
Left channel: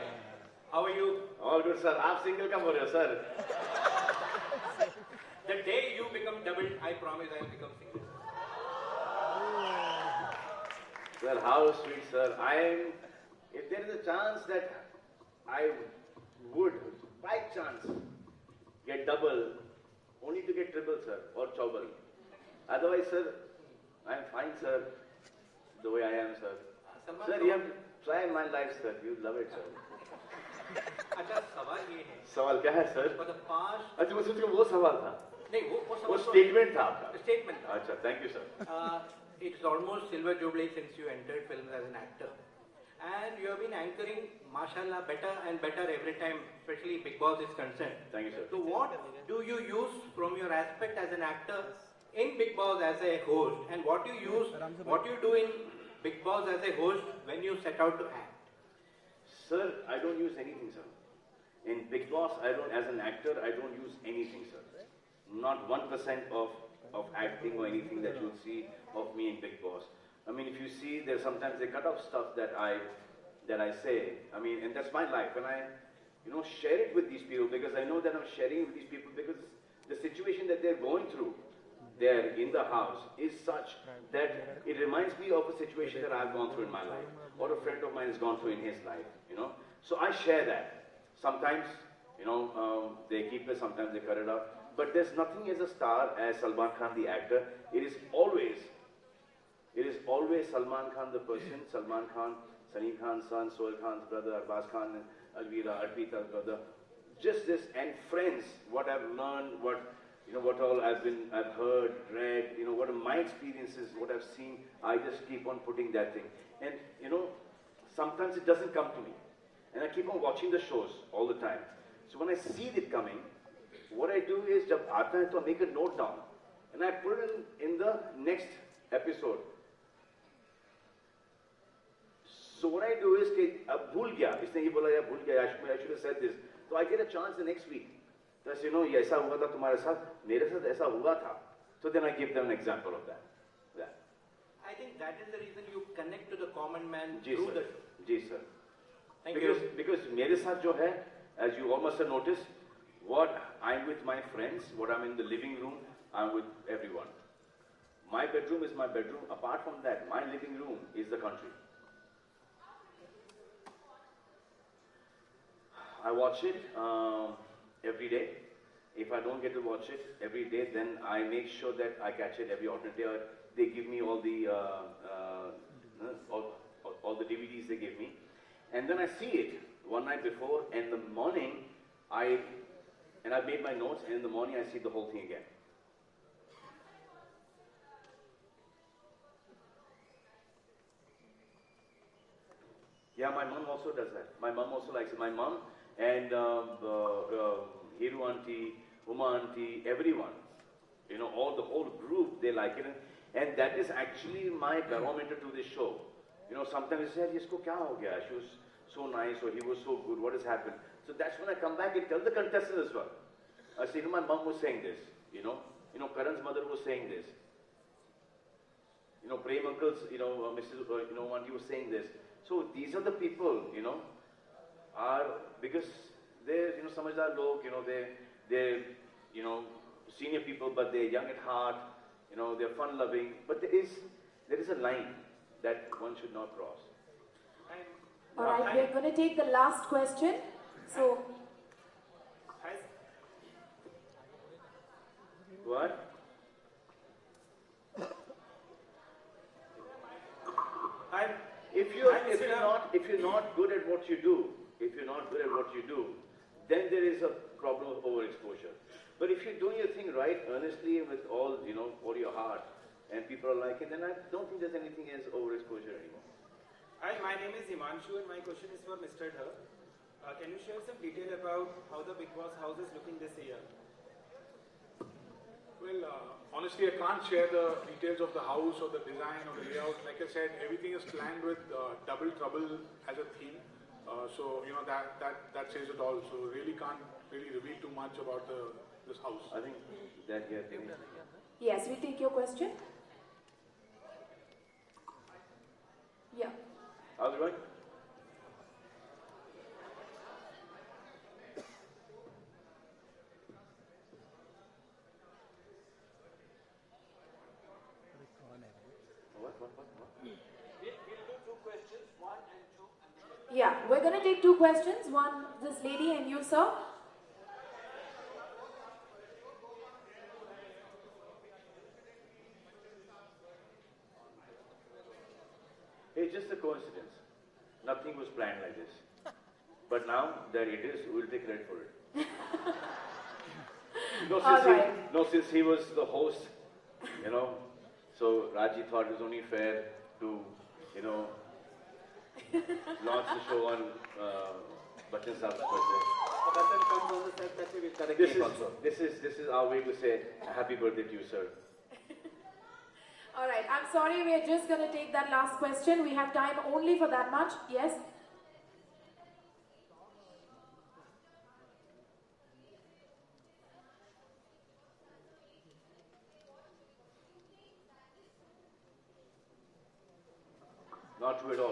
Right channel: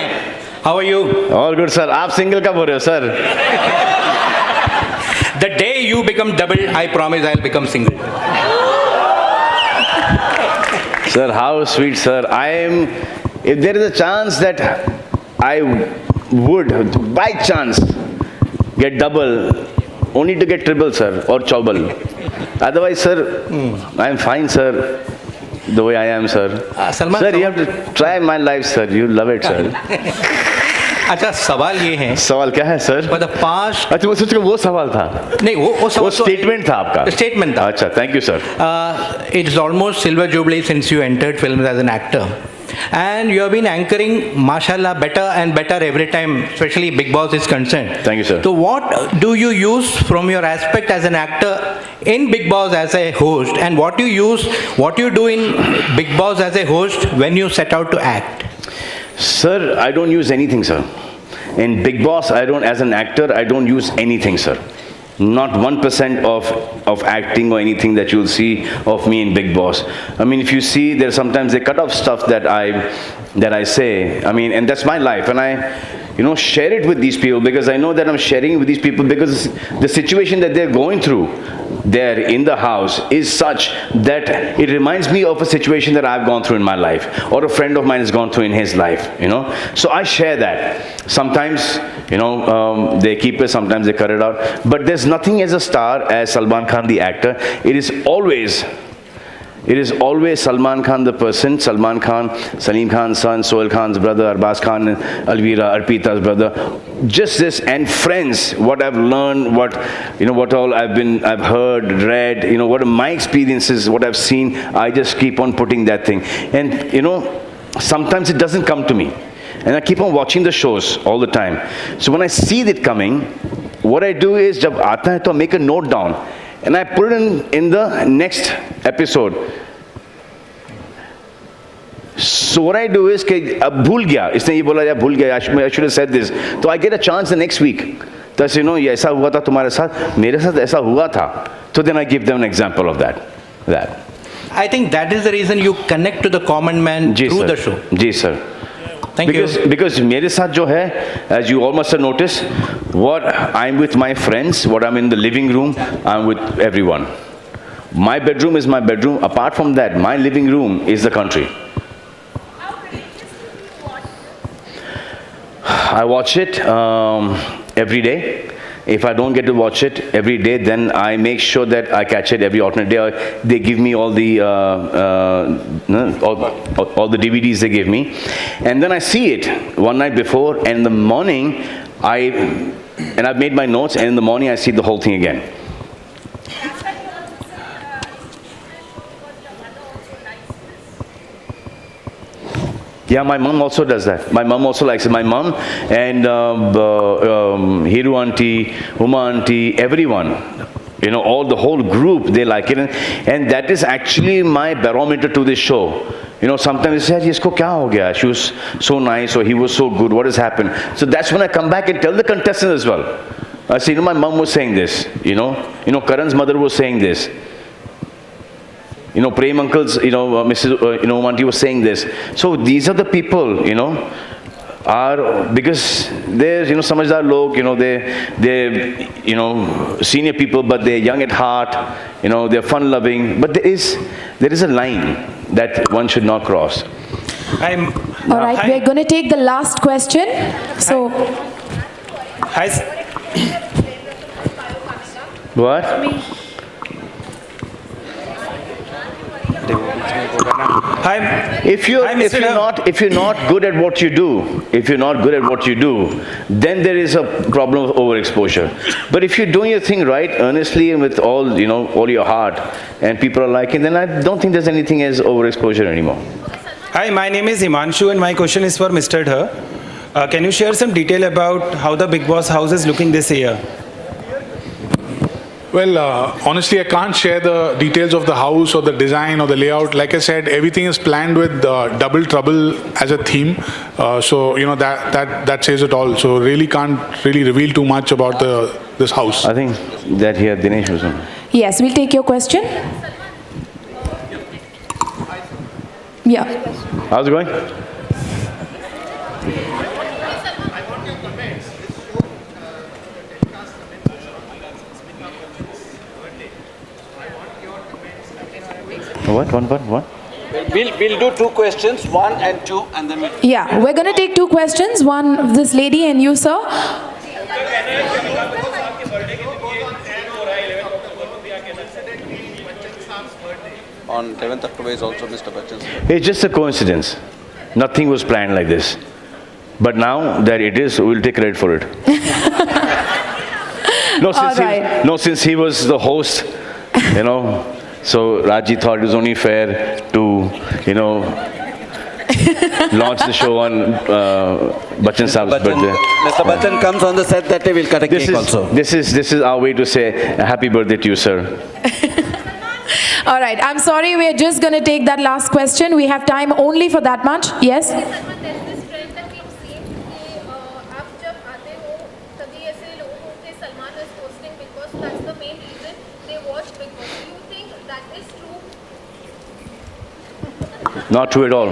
How are you? All good, sir. आप single कब हो रहे हो, sir? The day you become double, I promise I'll become single. Sir, how sweet, sir. If there is a chance that I would, by chance, get double, only to get triple, sir, or chobal. Otherwise, sir, I'm fine, sir, the way I am, sir. Salman, sir, you have to try my life, sir. You love it, sir. अच्छा सवाल ये है सवाल क्या है sir? For the past अच्छा मैं सोच रहा वो सवाल था नहीं वो स्टेटमेंट था आपका स्टेटमेंट था अच्छा thank you sir It's almost silver jubilee since you entered films as an actor. And you have been anchoring, mashallah, better and better every time, especially Big Boss is concerned. Thank you, sir. So what do you use from your aspect as an actor in Big Boss as a host, and what you do in Big Boss as a host when you set out to act? Sir, I don't use anything, sir. In Big Boss, as an actor, I don't use anything, sir. Not 1% of acting or anything that you'll see of me in Big Boss. I mean, if you see, there's sometimes they cut off stuff that I say. I mean, and that's my life, and I, share it with these people because I know that I'm sharing with these people because the situation that they're going through there in the house is such that it reminds me of a situation that I've gone through in my life or a friend of mine has gone through in his life, So I share that. Sometimes, they keep it, sometimes they cut it out. But there's nothing as a star as Salman Khan the actor. It is always Salman Khan the person, Salman Khan, Salim Khan's son, Sohail Khan's brother, Arbaz Khan, Alvira, Arpita's brother. Just this and friends, what I've learned, what all I've heard, read, what are my experiences, what I've seen, I just keep on putting that thing. And, sometimes it doesn't come to me. And I keep on watching the shows all the time. So when I see it coming, what I do is, jab aata hai, to I make a note down. And I put it in the next episode. So what I do is कि अब भूल गया इसने ये बोला या भूल गया I should have said this. So I get a chance the next week. तो ये ऐसा हुआ था तुम्हारे साथ मेरे साथ ऐसा हुआ था. So then I give them an example of that. I think that is the reason you connect to the common man through the show. Ji sir. Thank you. Because मेरे साथ जो है, as you all must have noticed, what I'm with my friends, what I'm in the living room, I'm with everyone. My bedroom is my bedroom. Apart from that, my living room is the country. I watch it every day. If I don't get to watch it every day, then I make sure that I catch it every alternate day. They give me all the DVDs they give me, and then I see it one night before, and in the morning I've made my notes, and in the morning I see the whole thing again. Yeah, my mom also does that. My mom also likes it. My mom and Hiru auntie, Uma auntie, everyone, all the whole group, they like it. And that is actually my barometer to this show. Sometimes they say, isko kya ho gaya? She was so nice, or he was so good. What has happened? So that's when I come back and tell the contestants as well. I say, my mom was saying this. Karan's mother was saying this. Prem uncles, Mrs. Auntie was saying this. So these are the people, are because they're samajhdar log, they're senior people, but they're young at heart, they're fun loving. But there is a line that one should not cross. All right, we're going to take the last question. So, Hi. What? Hi. If you're not good at what you do, then there is a problem of overexposure. But if you're doing your thing right, earnestly and with all your heart, and people are liking, then I don't think there's anything as overexposure anymore. Hi, my name is Himanshu, and my question is for Mr. Dhar. Can you share some detail about how the Big Boss house is looking this year? Well, honestly, I can't share the details of the house or the design or the layout. Like I said, everything is planned with Double Trouble as a theme. So, that says it all. So, really can't reveal too much about this house. I think that here, Dinesh was on. Yes, we'll take your question. Yeah. How's it going? What? One? We'll do 2 questions, 1 and 2, and then we'll... Yeah, we're going to take 2 questions. One of this lady and you, sir. On 11th October is also Mr. Bachchan's birthday. It's just a coincidence. Nothing was planned like this. But now that it is, we'll take credit for it. Since he was the host, so Raji thought it was only fair to, launch the show on Bachchan Saab's birthday. Mr. Bachchan comes on the set that day, we'll cut a cake also. This is our way to say happy birthday to you, sir. All right, I'm sorry, we're just going to take that last question. We have time only for that much. Yes? Not true at all.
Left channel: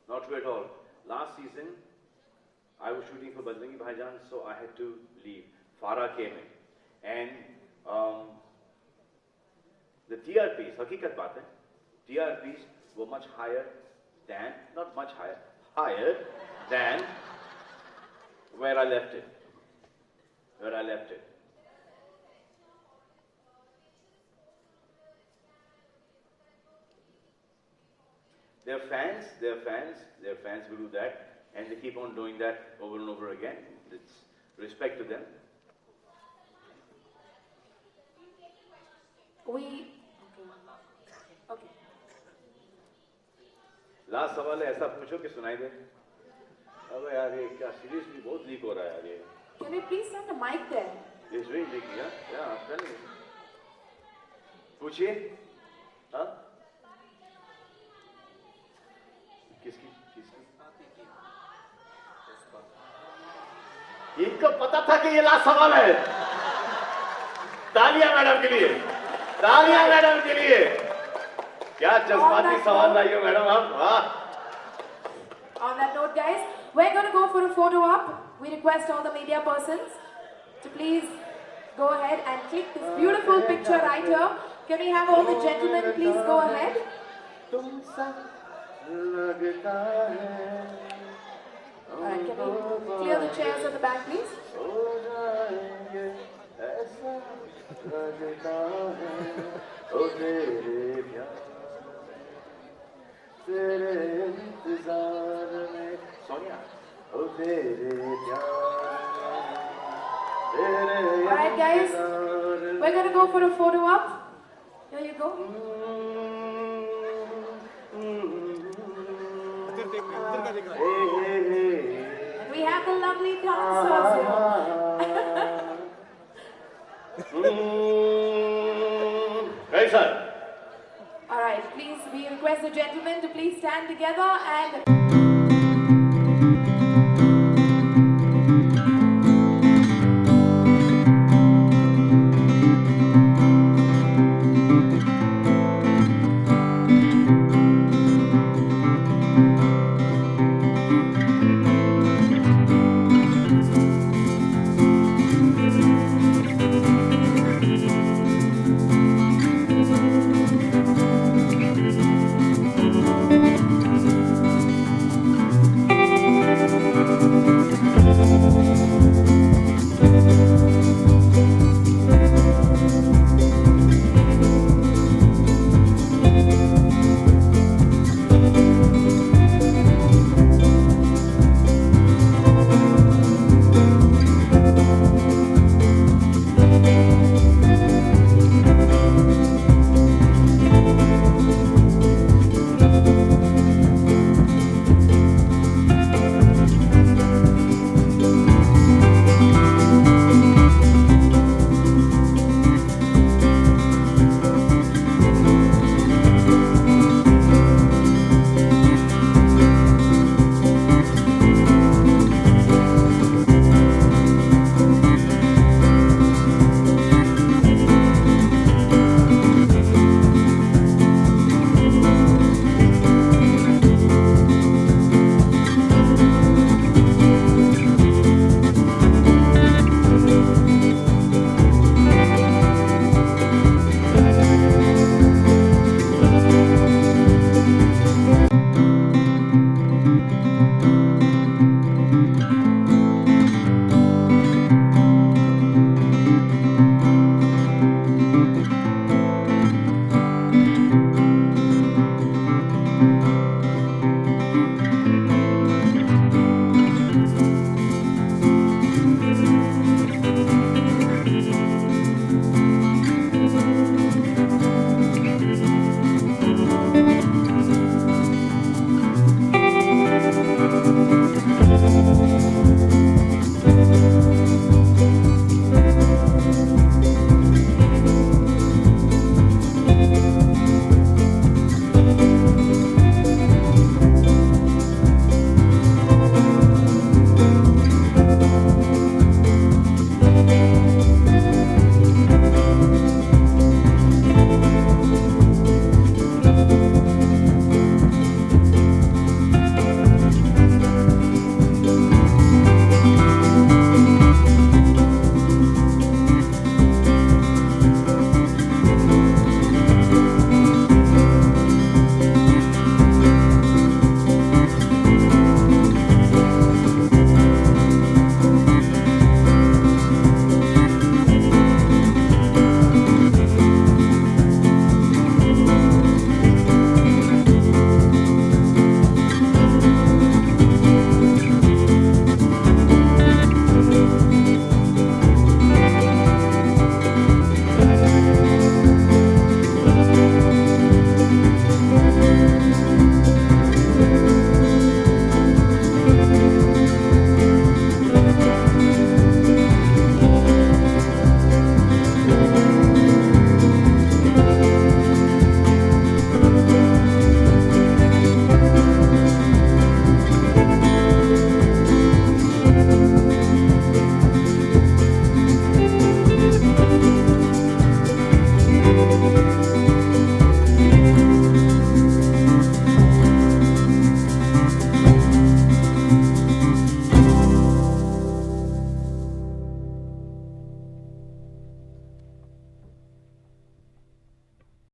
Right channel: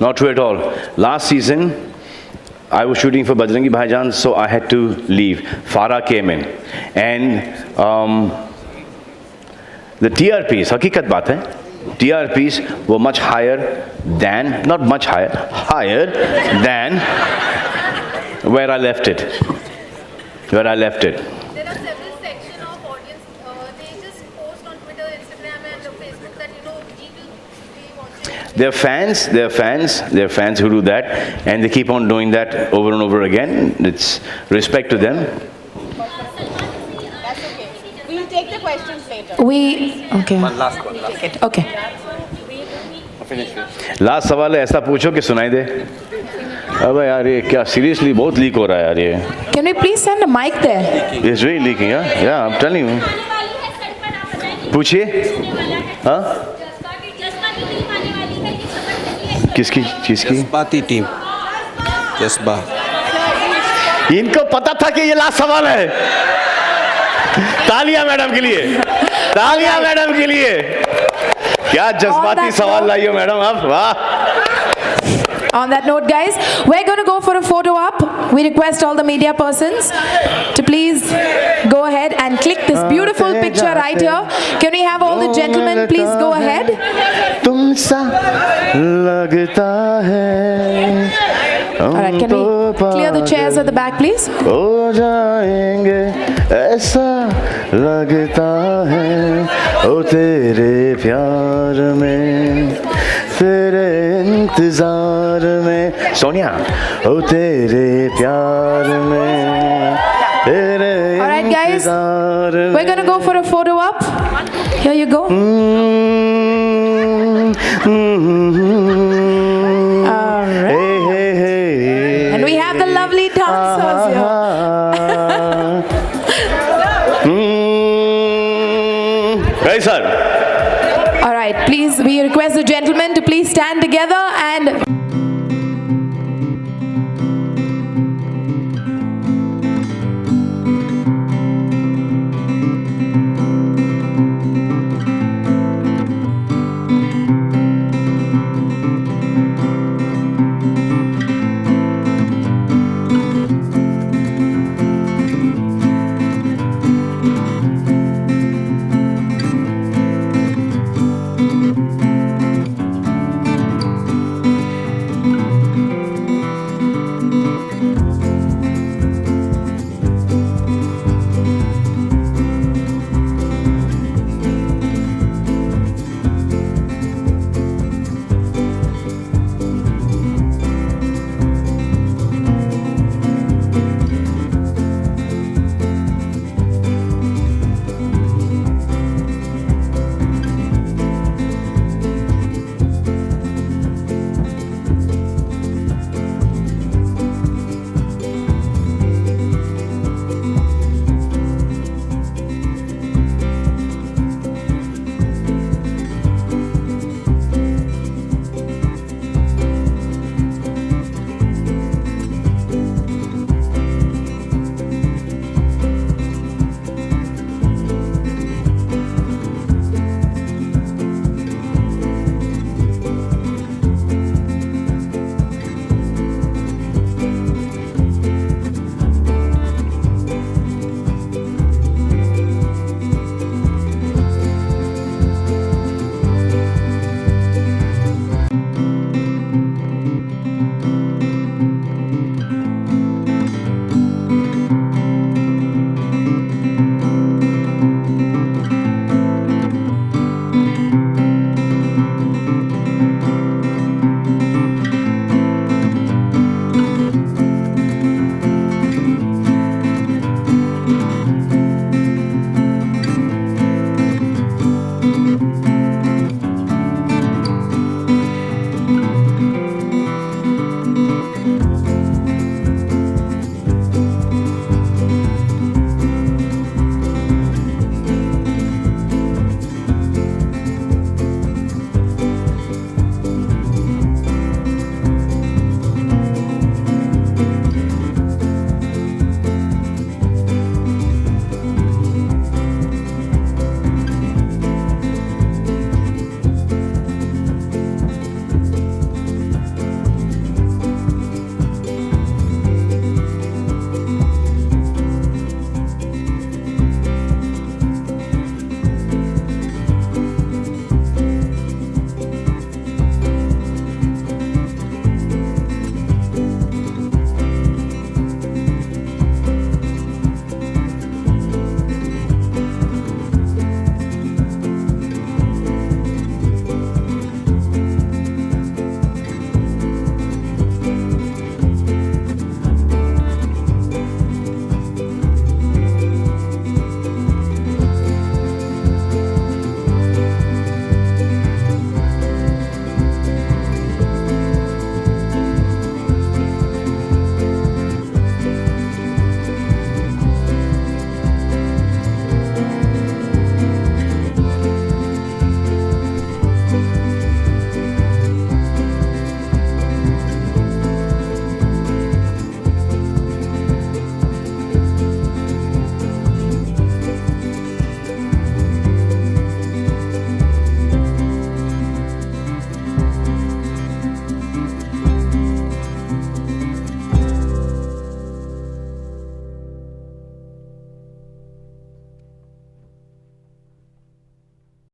Not true at all. Last season, I was shooting for Bajrangi Bhaijaan, so I had to leave. Farah came in. And the TRPs, hakikat baat hai, TRPs were much higher than, not much higher, higher than where I left it. Where I left it. There are several sections of audience, they just post on Twitter, Instagram and Facebook that, They're fans who do that, and they keep on doing that over and over again. It's respect to them. That's okay. We'll take the questions later. Okay. One last one. Okay. Finish. Last सवाल है, ऐसा पूछो कि सुनाई दे. अबे यार ये क्या सीरियसली बहुत लीक हो रहा है यार ये. Can we please send a mic there? It's really leaking, yeah? Yeah, I'm telling you. पूछिए. हाँ? किसकी चीज की? जज्बाती टीम. जज्बा. इनको पता था कि ये लास्ट सवाल है. तालियां मैडम के लिए. तालियां मैडम के लिए. क्या जज्बाती सवाल लाई हो मैडम आप. वाह. On that note, guys, we're going to go for a photo op. We request all the media persons to please go ahead and click this beautiful picture right here. Can we have all the gentlemen please go ahead? तुमसा लगता है. Alright, can we clear the chairs at the back, please? हो जाएंगे ऐसा लगता है ओ तेरे प्यार में तेरे इंतजार में सोनिया ओ तेरे प्यार में तेरे Alright, guys, we're going to go for a photo op. Here you go. And we have the lovely dancers here. Right, sir. All right, please, we request the gentlemen to please stand together